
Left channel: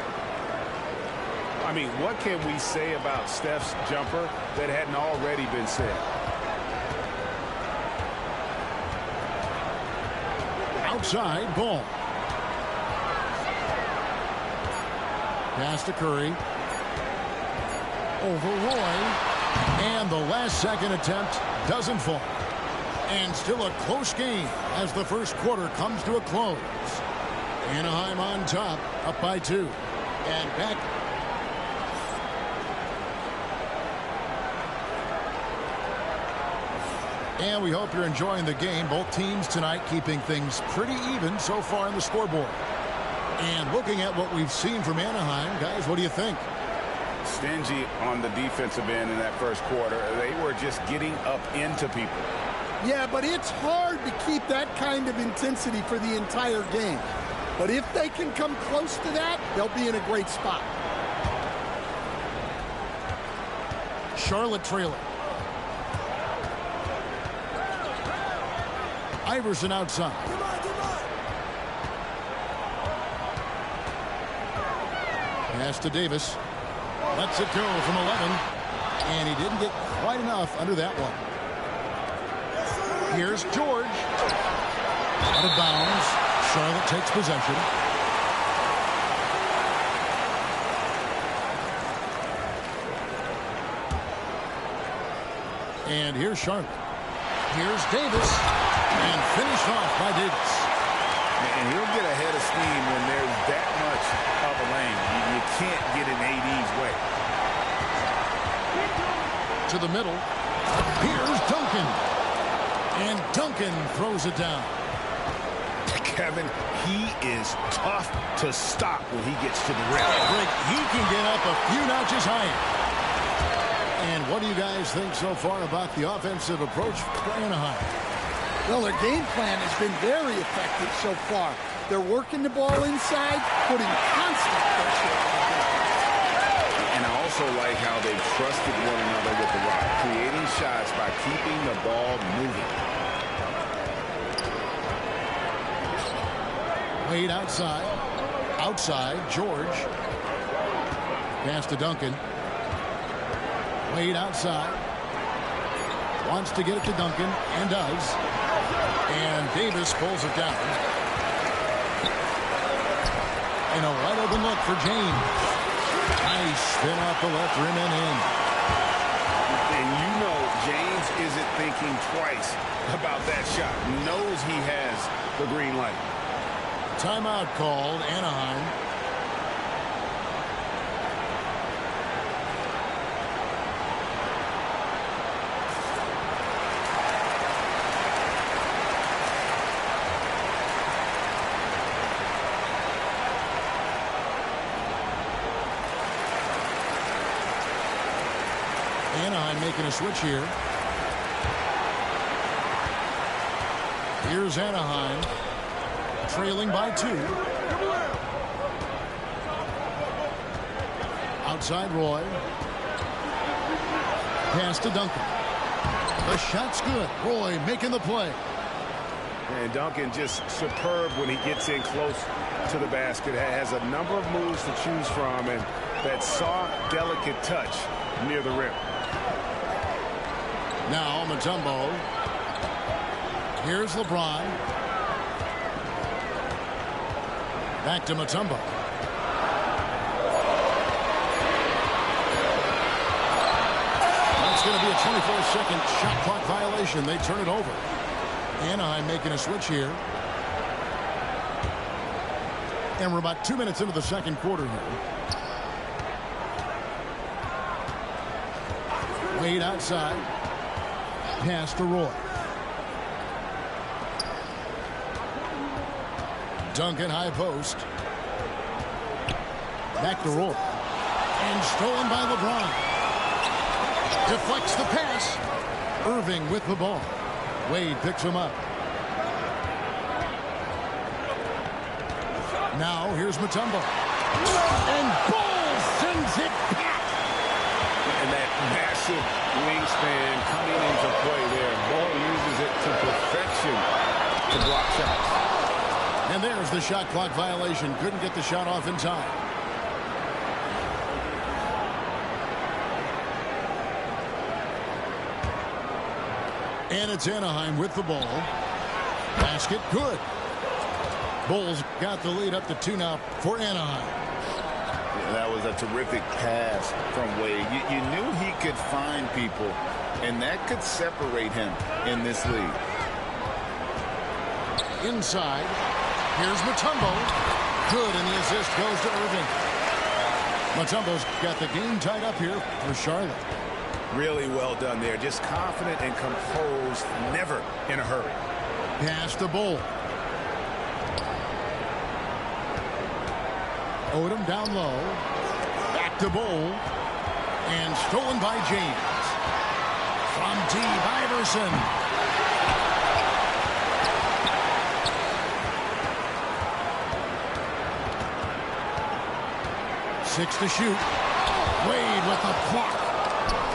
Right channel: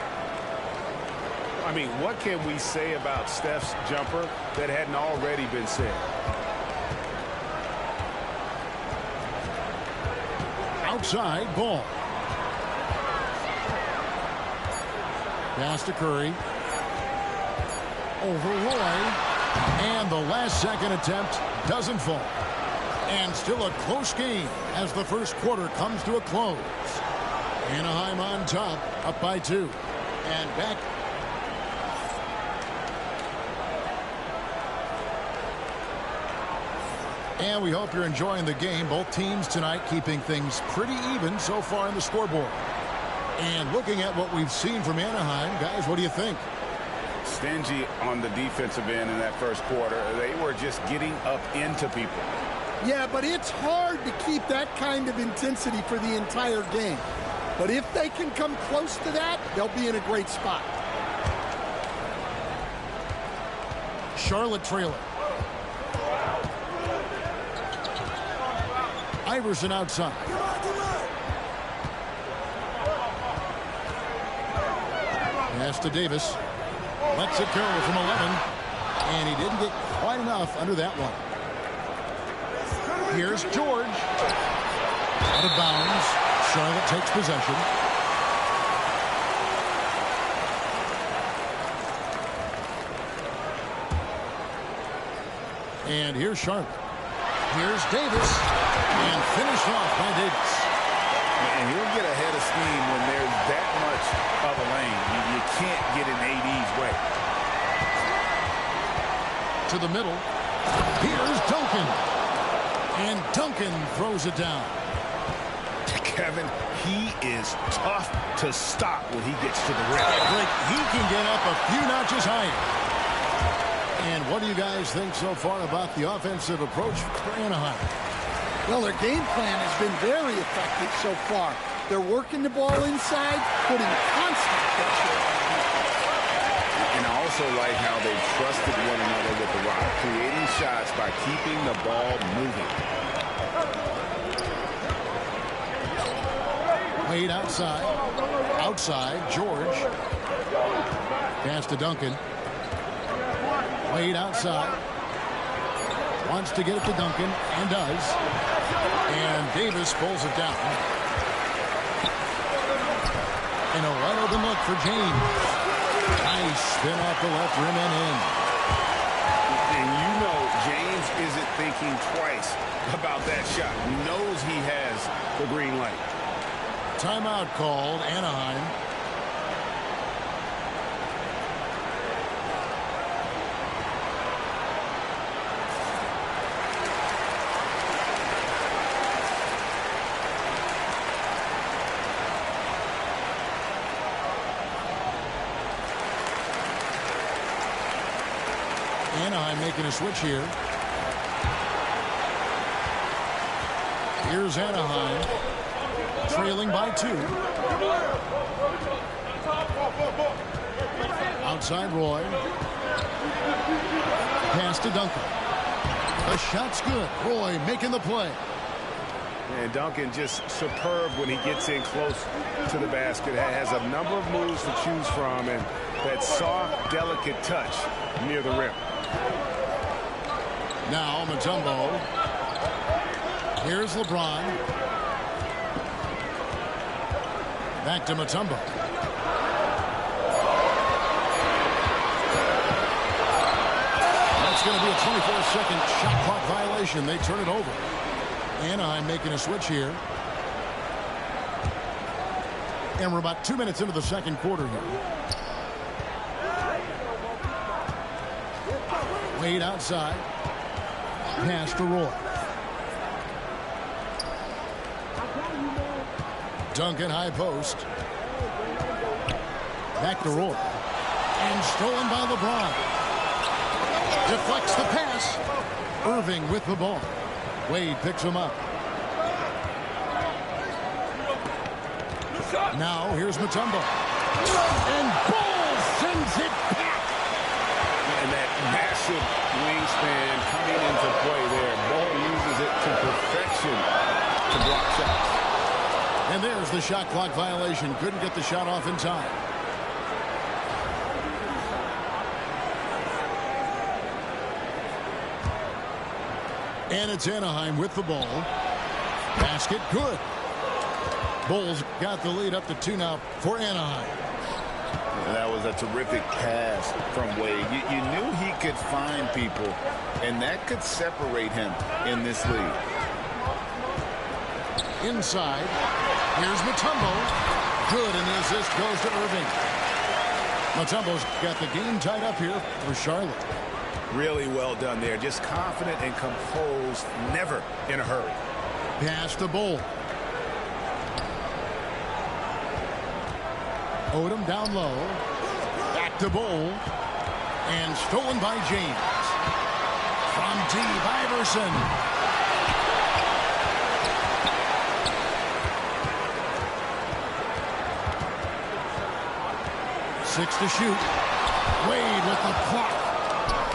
I mean, what can we say about Steph's jumper that hadn't already been said? Outside, Ball. Pass to Curry. Over Roy. And the last second attempt doesn't fall. And still a close game as the first quarter comes to a close. Anaheim on top, up by 2. And back. And we hope you're enjoying the game. Both teams tonight keeping things pretty even so far in the scoreboard. And looking at what we've seen from Anaheim, guys, what do you think? Stingy on the defensive end in that first quarter. They were just getting up into people. Yeah, but it's hard to keep that kind of intensity for the entire game. But if they can come close to that, they'll be in a great spot. Charlotte trailing. Iverson outside. Pass to Davis. Lets it go from 11. And he didn't get quite enough under that one. Here's George. Out of bounds. Charlotte takes possession. And here's Charlotte. Here's Davis. And finished off by Davis. And he'll get ahead of steam when there's that much of a lane. You can't get in AD's way. To the middle. Here's Duncan. And Duncan throws it down. Kevin, he is tough to stop when he gets to the rim. Rick, he can get up a few notches higher. And what do you guys think so far about the offensive approach for Anaheim? Well, their game plan has been very effective so far. They're working the ball inside, putting constant pressure on the defense. And I also like how they've trusted one another with the rock, creating shots by keeping the ball moving. Wade outside. Outside, George. Pass to Duncan. Wade outside. Wants to get it to Duncan, and does. And Davis pulls it down. And a wide open look for James. Nice spin off the left rim and in. And you know James isn't thinking twice about that shot. He knows he has the green light. Timeout called, Anaheim. Anaheim making a switch here. Here's Anaheim. Trailing by 2. Outside Roy. Pass to Duncan. The shot's good. Roy making the play. And Duncan just superb when he gets in close to the basket. Has a number of moves to choose from, and that soft, delicate touch near the rim. Now Mutombo. Here's LeBron. Back to Mutombo. That's going to be a 24-second shot clock violation. They turn it over. Anaheim making a switch here. And we're about 2 minutes into the second quarter here. Wade outside. Pass to Roy. Duncan high post. Back to Roy. And stolen by LeBron. Deflects the pass. Irving with the ball. Wade picks him up. Now here's Mutombo. And Bull sends it back. And that massive wingspan coming into play there. Bull uses it to perfection to block shots. And there's the shot clock violation. Couldn't get the shot off in time. And it's Anaheim with the ball. Basket good. Bulls got the lead up to 2 now for Anaheim. Yeah, that was a terrific pass from Wade. You knew he could find people, and that could separate him in this league. Inside. Here's Mutombo. Good, and the assist goes to Irving. Mutombo's got the game tied up here for Charlotte. Really well done there. Just confident and composed, never in a hurry. Pass to Bull. Odom down low. Back to Bull. And stolen by James. From deep, Iverson. Six to shoot. Wade with the block.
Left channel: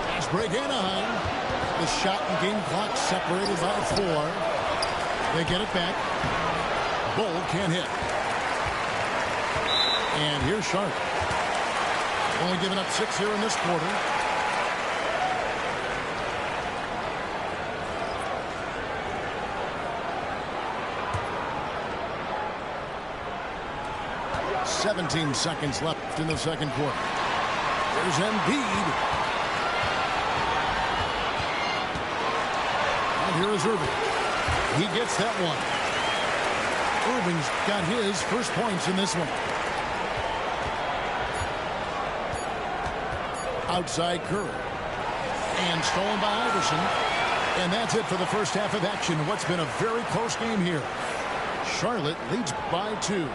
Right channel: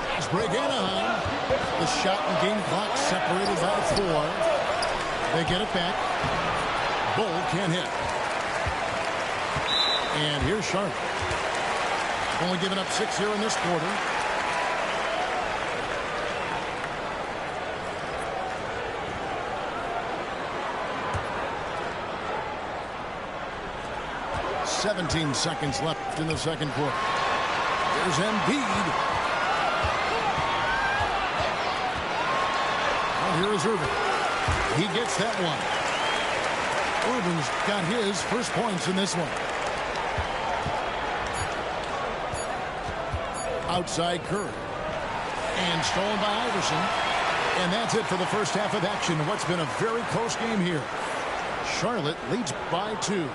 Fast break Anaheim. The shot and game clock separated by 4. They get it back. Bull can't hit. And here's Charlotte. Only giving up 6 here in this quarter. "17 seconds left in the second quarter. Here's Embiid. And here is Irving. He gets that one. Irving's got his first points in this one. Outside Curry. And stolen by Iverson. And that's it for the first half of action. What's been a very close game here. Charlotte leads by 2.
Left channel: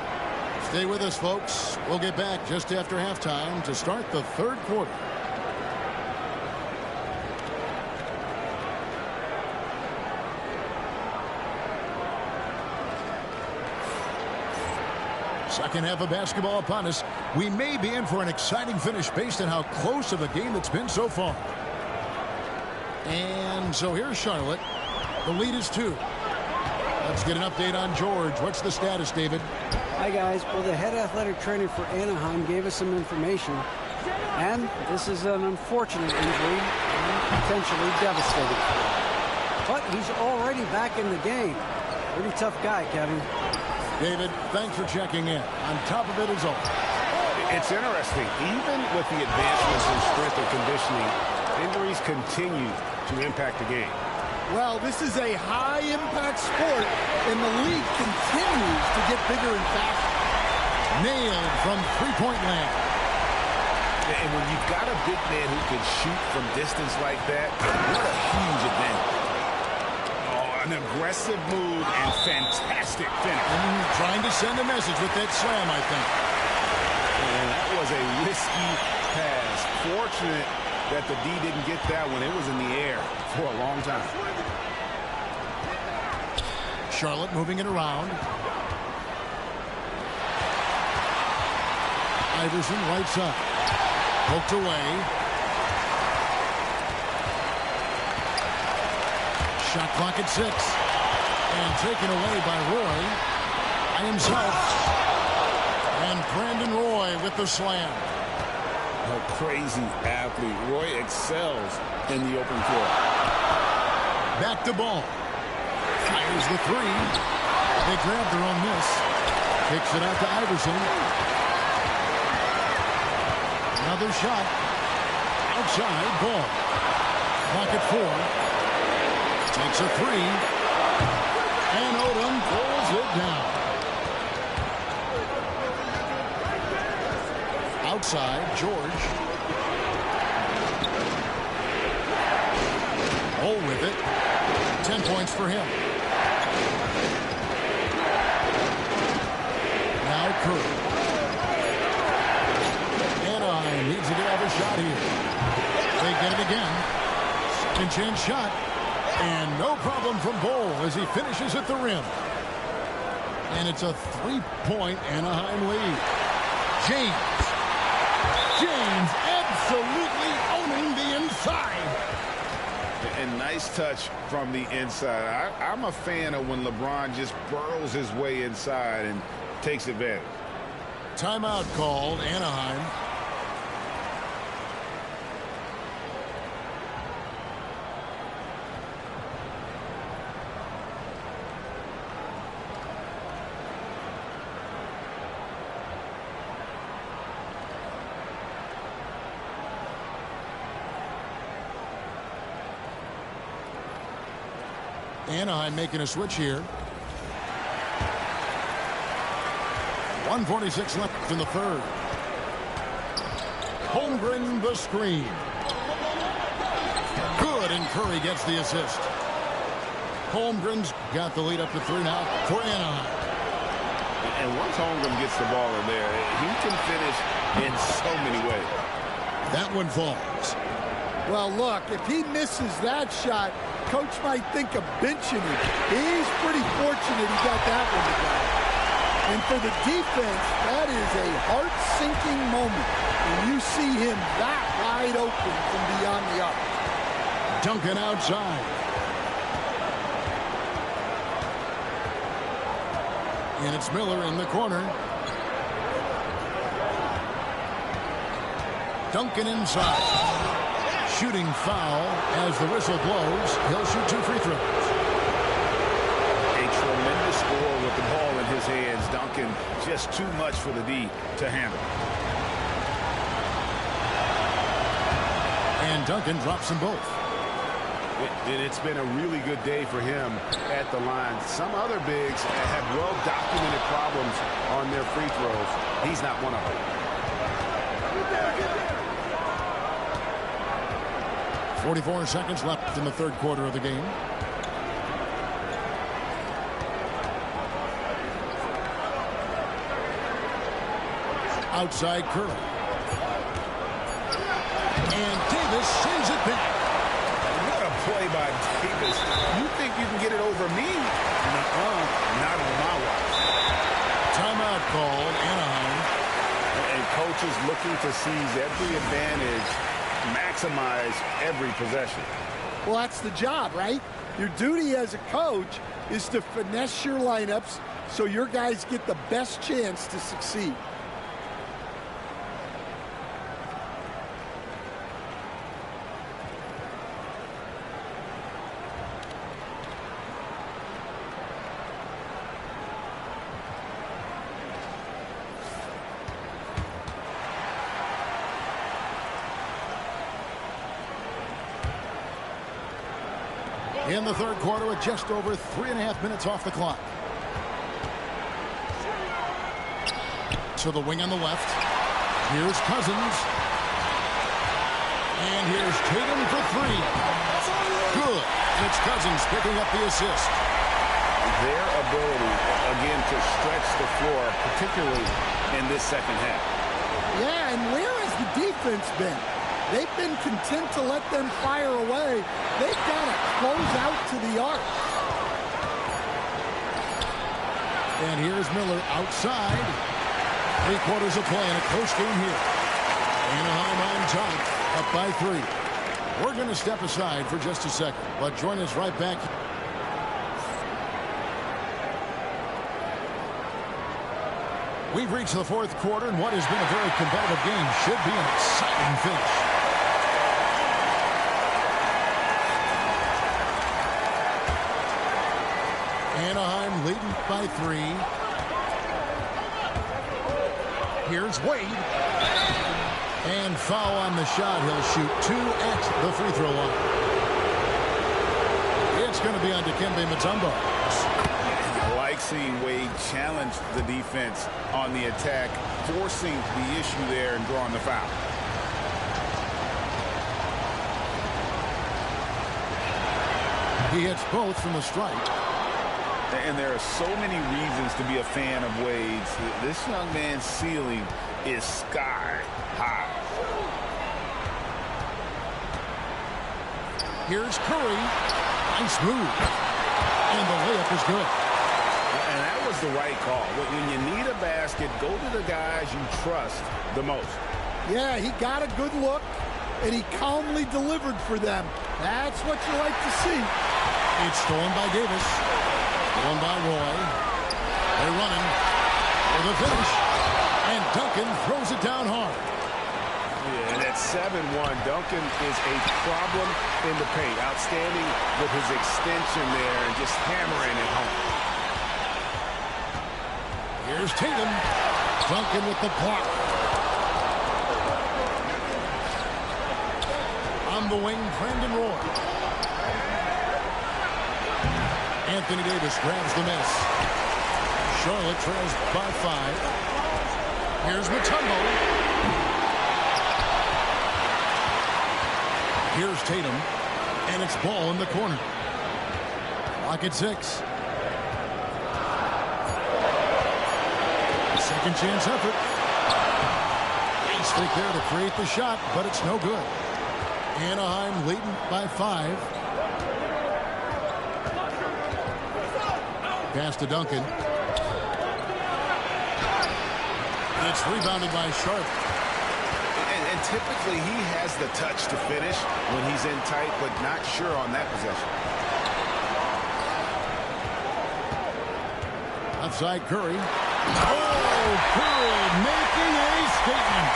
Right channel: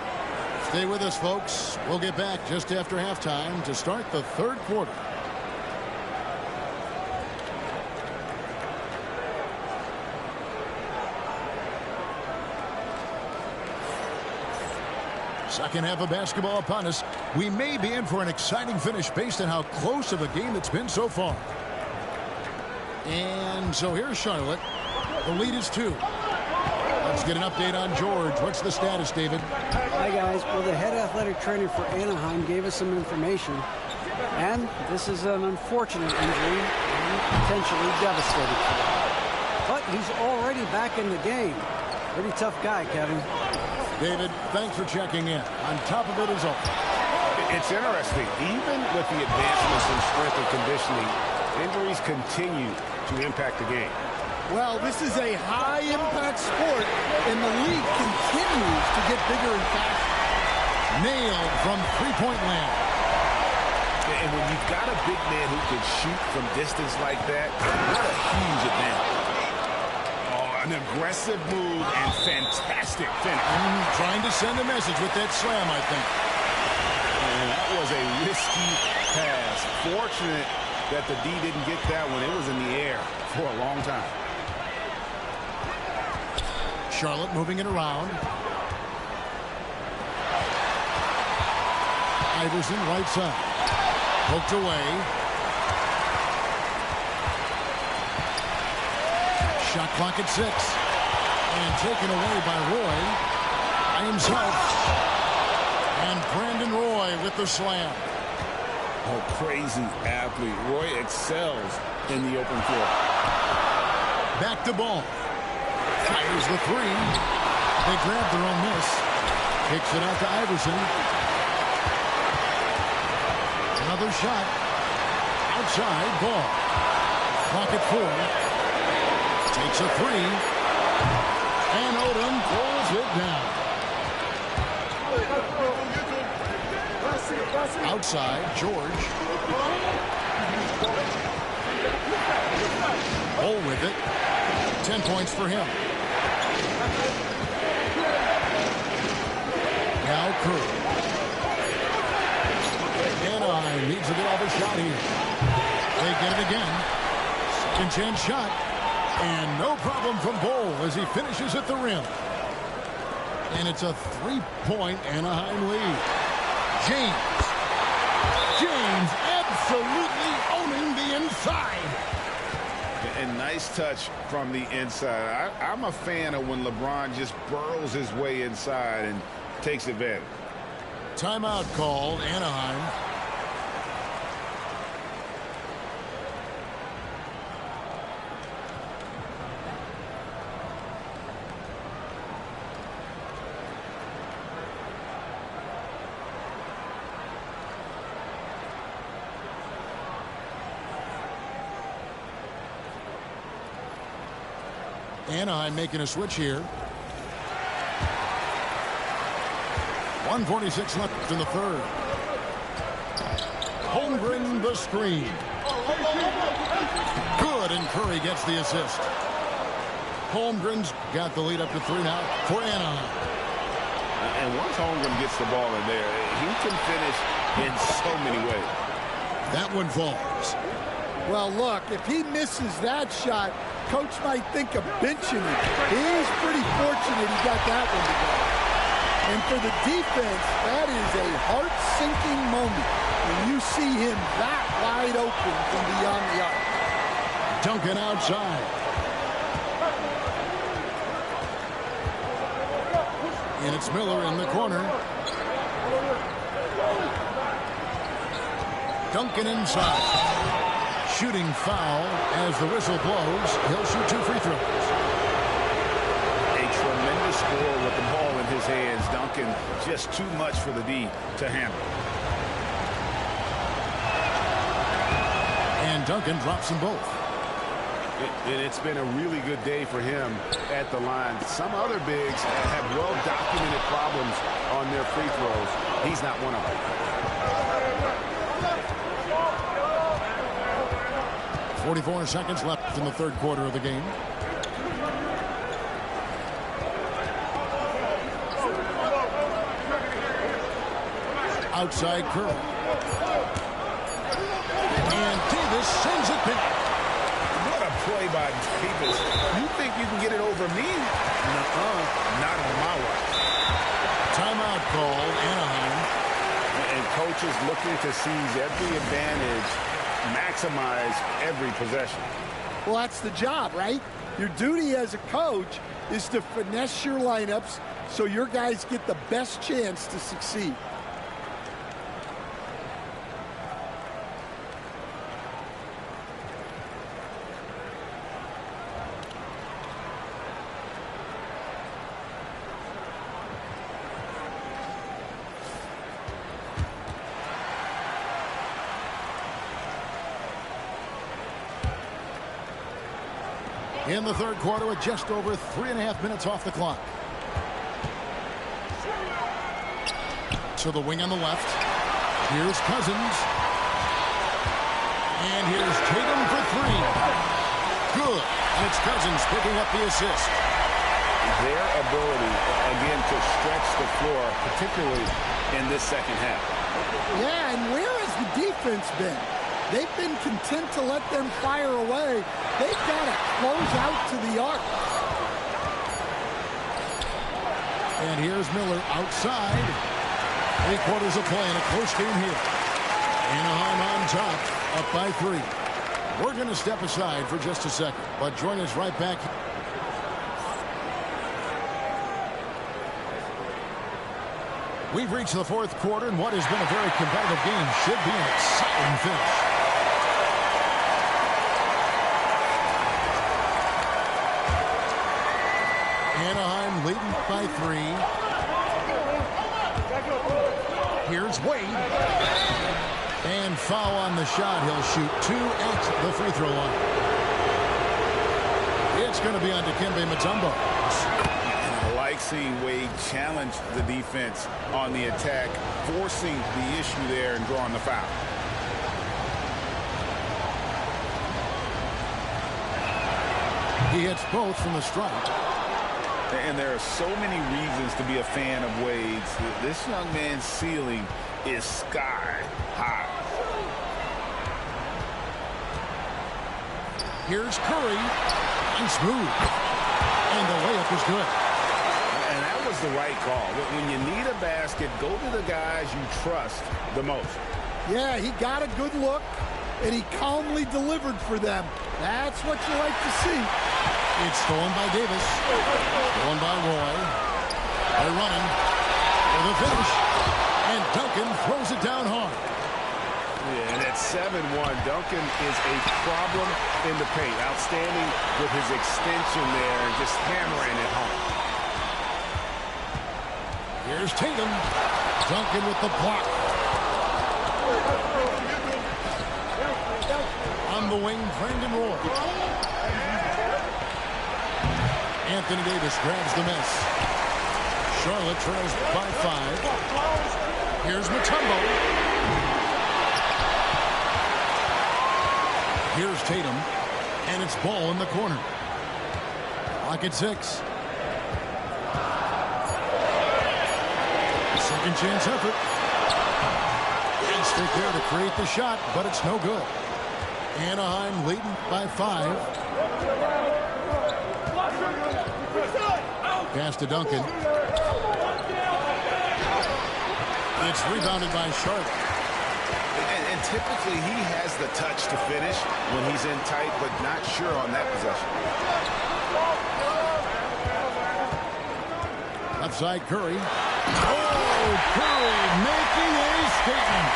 Stay with us, folks. We'll get back just after halftime to start the third quarter. Second half of basketball upon us. We may be in for an exciting finish based on how close of a game it's been so far. And so here's Charlotte. The lead is 2. Let's get an update on George. What's the status, David? Hi, guys. Well, the head athletic trainer for Anaheim gave us some information. And this is an unfortunate injury and potentially devastating for him. But he's already back in the game. Pretty tough guy, Kevin. David, thanks for checking in. On top of it is all. It's interesting. Even with the advancements in strength and conditioning, injuries continue to impact the game. Well, this is a high-impact sport, and the league continues to get bigger and faster. Nailed from three-point land. And when you've got a big man who can shoot from distance like that, what a huge advantage. Oh, an aggressive move and fantastic finish. Trying to send a message with that slam, I think. And that was a risky pass. Fortunate that the D didn't get that one. It was in the air for a long time. Charlotte moving it around. Iverson right side. Poked away. Shot clock at 6. And taken away by Roy. By himself. And Brandon Roy with the slam. A crazy athlete. Roy excels in the open floor. Back to Ball. Fires the three. They grab their own miss. Kicks it out to Iverson. Another shot. Outside. Ball. Clock at 4. Takes a three. And Odom pulls it down. Outside, George. Ball with it. 10 points for him. Now Curry. Anaheim needs to get off a shot here. They get it again. Second chance shot. And no problem from Bol as he finishes at the rim. And it's a 3-point Anaheim lead. James absolutely owning the inside. And nice touch from the inside. I'm a fan of when LeBron just burrows his way inside and takes advantage. Timeout called, Anaheim. Anaheim making a switch here. 1:46 left in the third. Holmgren the screen. Good, and Curry gets the assist. Holmgren's got the lead up to 3 now for Anaheim. And once Holmgren gets the ball in there, he can finish in so many ways. That one falls. Well, look, if he misses that shot, coach might think of benching him. He's pretty fortunate he got that one to go. And for the defense, that is a heart-sinking moment when you see him that wide open from beyond the arc. Duncan outside. And it's Miller in the corner. Duncan inside. Shooting foul as the whistle blows. He'll shoot 2 free throws. A tremendous score with the ball in his hands. Duncan just too much for the D to handle. And Duncan drops them both. And it's been a really good day for him at the line. Some other bigs have well-documented problems on their free throws. He's not one of them. 44 seconds left in the third quarter of the game. Outside Curry. And Davis sends it back. What a play by Davis. You think you can get it over me? Nuh-uh. Not on my watch. Timeout called, Anaheim. And coaches looking to seize every advantage, maximize every possession. Well, that's the job, right? Your duty as a coach is to finesse your lineups so your guys get the best chance to succeed. In the third quarter with just over 3.5 minutes off the clock. To the wing on the left. Here's Cousins. And here's Tatum for 3. Good. And it's Cousins picking up the assist. Their ability, again, to stretch the floor, particularly in this second half. Yeah, and where has the defense been? They've been content to let them fire away. They've got to close out to the arc. And here's Miller outside. 3 quarters of play in a close game here. Anaheim on top, up by 3. We're going to step aside for just a second, but join us right back. We've reached the fourth quarter, and what has been a very competitive game should be an exciting finish. Anaheim leading by 3. Here's Wade. And foul on the shot. He'll shoot 2 at the free throw line. It's going to be on Dikembe Mutombo. And I like seeing Wade challenge the defense on the attack, forcing the issue there and drawing the foul. He hits both from the stripe. And there are so many reasons to be a fan of Wade's. This young man's ceiling is sky high. Here's Curry. Nice move. And the layup is good. And that was the right call. When you need a basket, go to the guys you trust the most. Yeah, he got a good look, and he calmly delivered for them. That's what you like to see. It's stolen by Davis. Stolen by Roy. They're running for the finish. And Duncan throws it down hard. Yeah, and at 7-1, Duncan is a problem in the paint. Outstanding with his extension there and just hammering it home. Here's Tatum. Duncan with the block. On the wing, Brandon Roy. Anthony Davis grabs the miss. Charlotte trails by 5. Here's Mutombo. Here's Tatum. And it's ball in the corner. Clock at 6. Second chance effort. Nice fake there to create the shot, but it's no good. Anaheim leading by 5. Pass to Duncan. It's rebounded by Charlotte. And typically he has the touch to finish when he's in tight, but not sure on that possession. Left side Curry. Oh, Curry making a statement.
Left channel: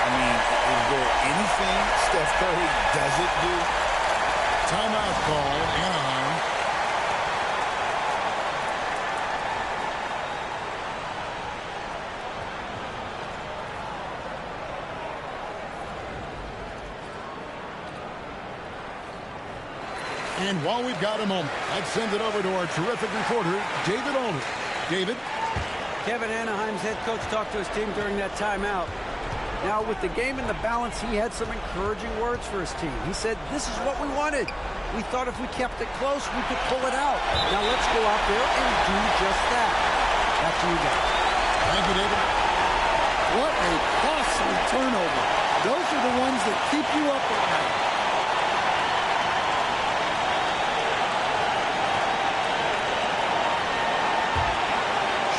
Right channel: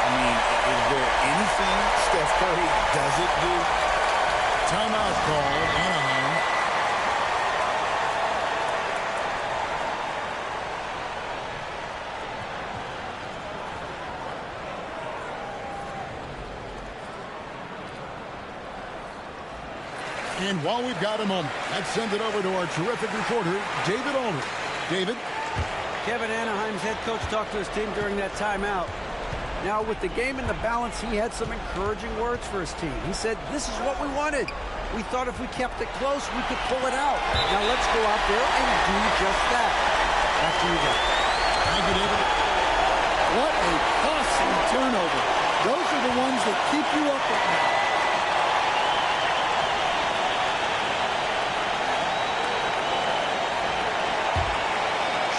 I mean, is there anything Steph Curry doesn't do? Timeout call, Anaheim. And while we've got a moment, let's send it over to our terrific reporter, David Aldridge. David? Kevin, Anaheim's head coach talked to his team during that timeout. Now, with the game in the balance, he had some encouraging words for his team. He said, this is what we wanted. We thought if we kept it close, we could pull it out. Now, let's go out there and do just that. Back to you guys. Thank you, David. What a costly turnover. Those are the ones that keep you up at night.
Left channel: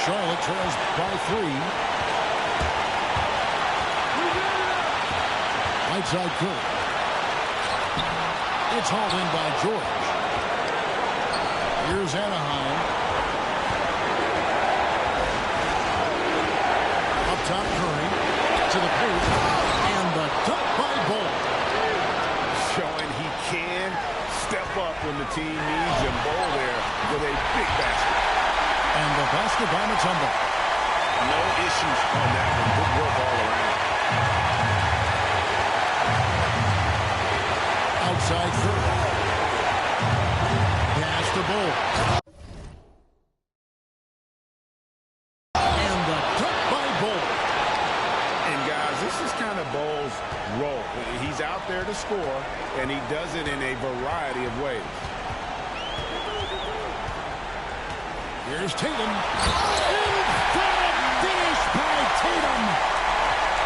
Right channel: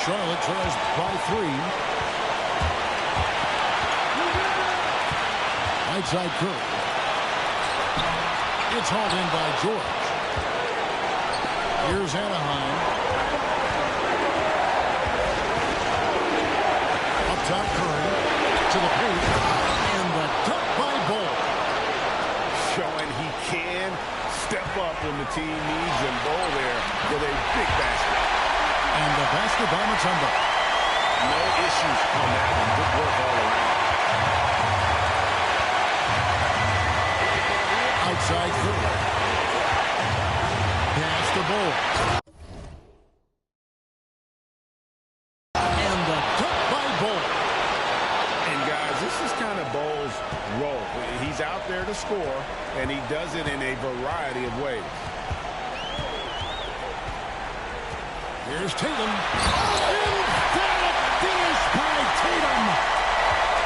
Charlotte trails by 3. Right side Curry. It's hauled in by George. Here's Anaheim. Up top Curry. To the paint. And the dunk by Bull. Showing he can step up when the team needs him. Bull there with a big basket. And the basket by Mutombo. No issues on that one. Good work all around. Outside Curry. Pass to Bull. And the dunk by Bull. And guys, this is kind of Bull's role. He's out there to score, and he does it in a variety of ways. Here's Tatum. Emphatic finish by Tatum.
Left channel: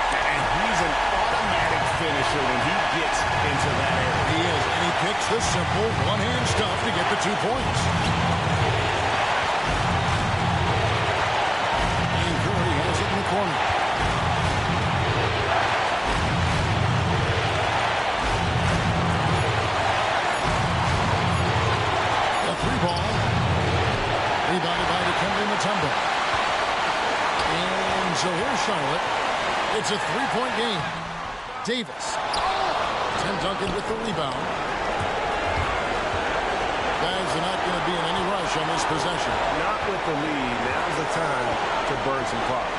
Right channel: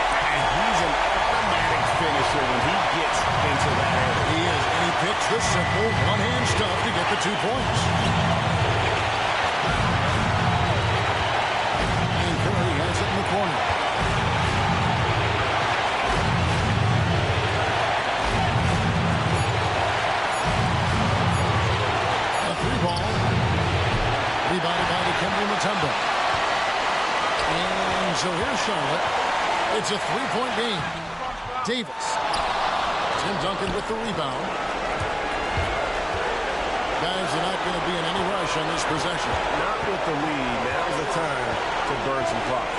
And he's an automatic finisher when he gets into that area. He is, and he picks the simple one-hand stuff to get the 2 points. And Curry has it in the corner. The 3 ball. Rebounded by Dikembe Mutombo. And so here's Charlotte. It's a three-point game. Davis. Tim Duncan with the rebound. Guys are not going to be in any rush on this possession. Not with the lead. Now's the time to burn some clock.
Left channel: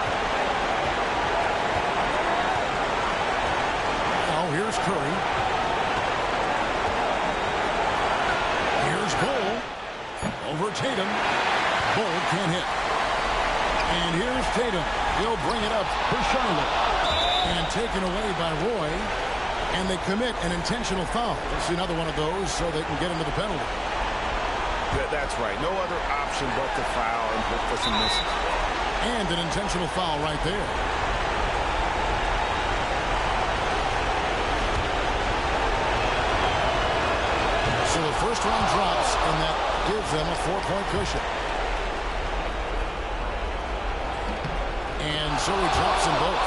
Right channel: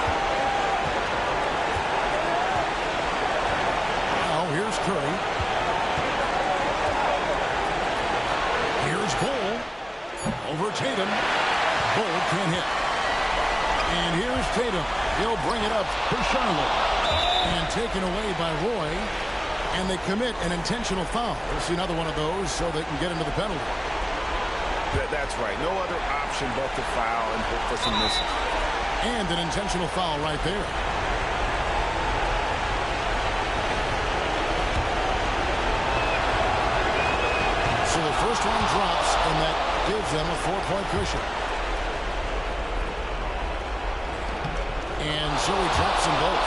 Now here's Curry. Here's Bull. Over Tatum. Bull can't hit. And here's Tatum. He'll bring it up for Charlotte. And taken away by Roy. And they commit an intentional foul. We'll see another one of those so they can get into the penalty. That's right. No other option but to foul and hope for some misses. And an intentional foul right there. So the first one drops, and that gives them a 4-point cushion. And so he drops them both.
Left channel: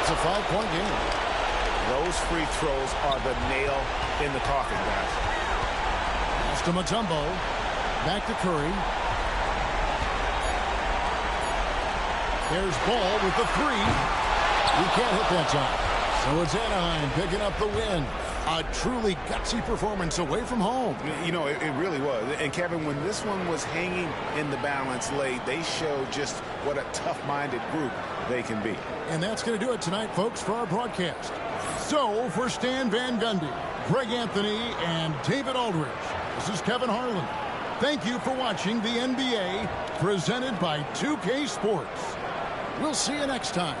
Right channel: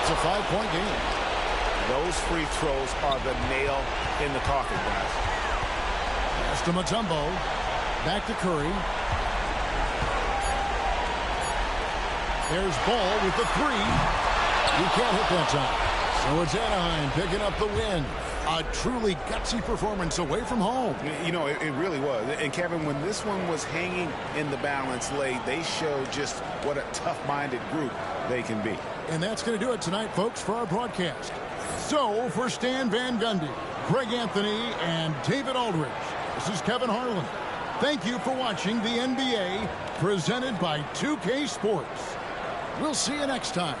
It's a 5-point game. Those free throws are the nail in the coffin, guys. Pass to Mutombo. Back to Curry. There's Ball with the three. He can't hit that time. So it's Anaheim picking up the win. A truly gutsy performance away from home. You know, it really was. And, Kevin, when this one was hanging in the balance late, they showed just what a tough-minded group they can be. And that's going to do it tonight, folks, for our broadcast. So, for Stan Van Gundy, Greg Anthony, and David Aldridge, this is Kevin Harlan. Thank you for watching the NBA presented by 2K Sports. We'll see you next time.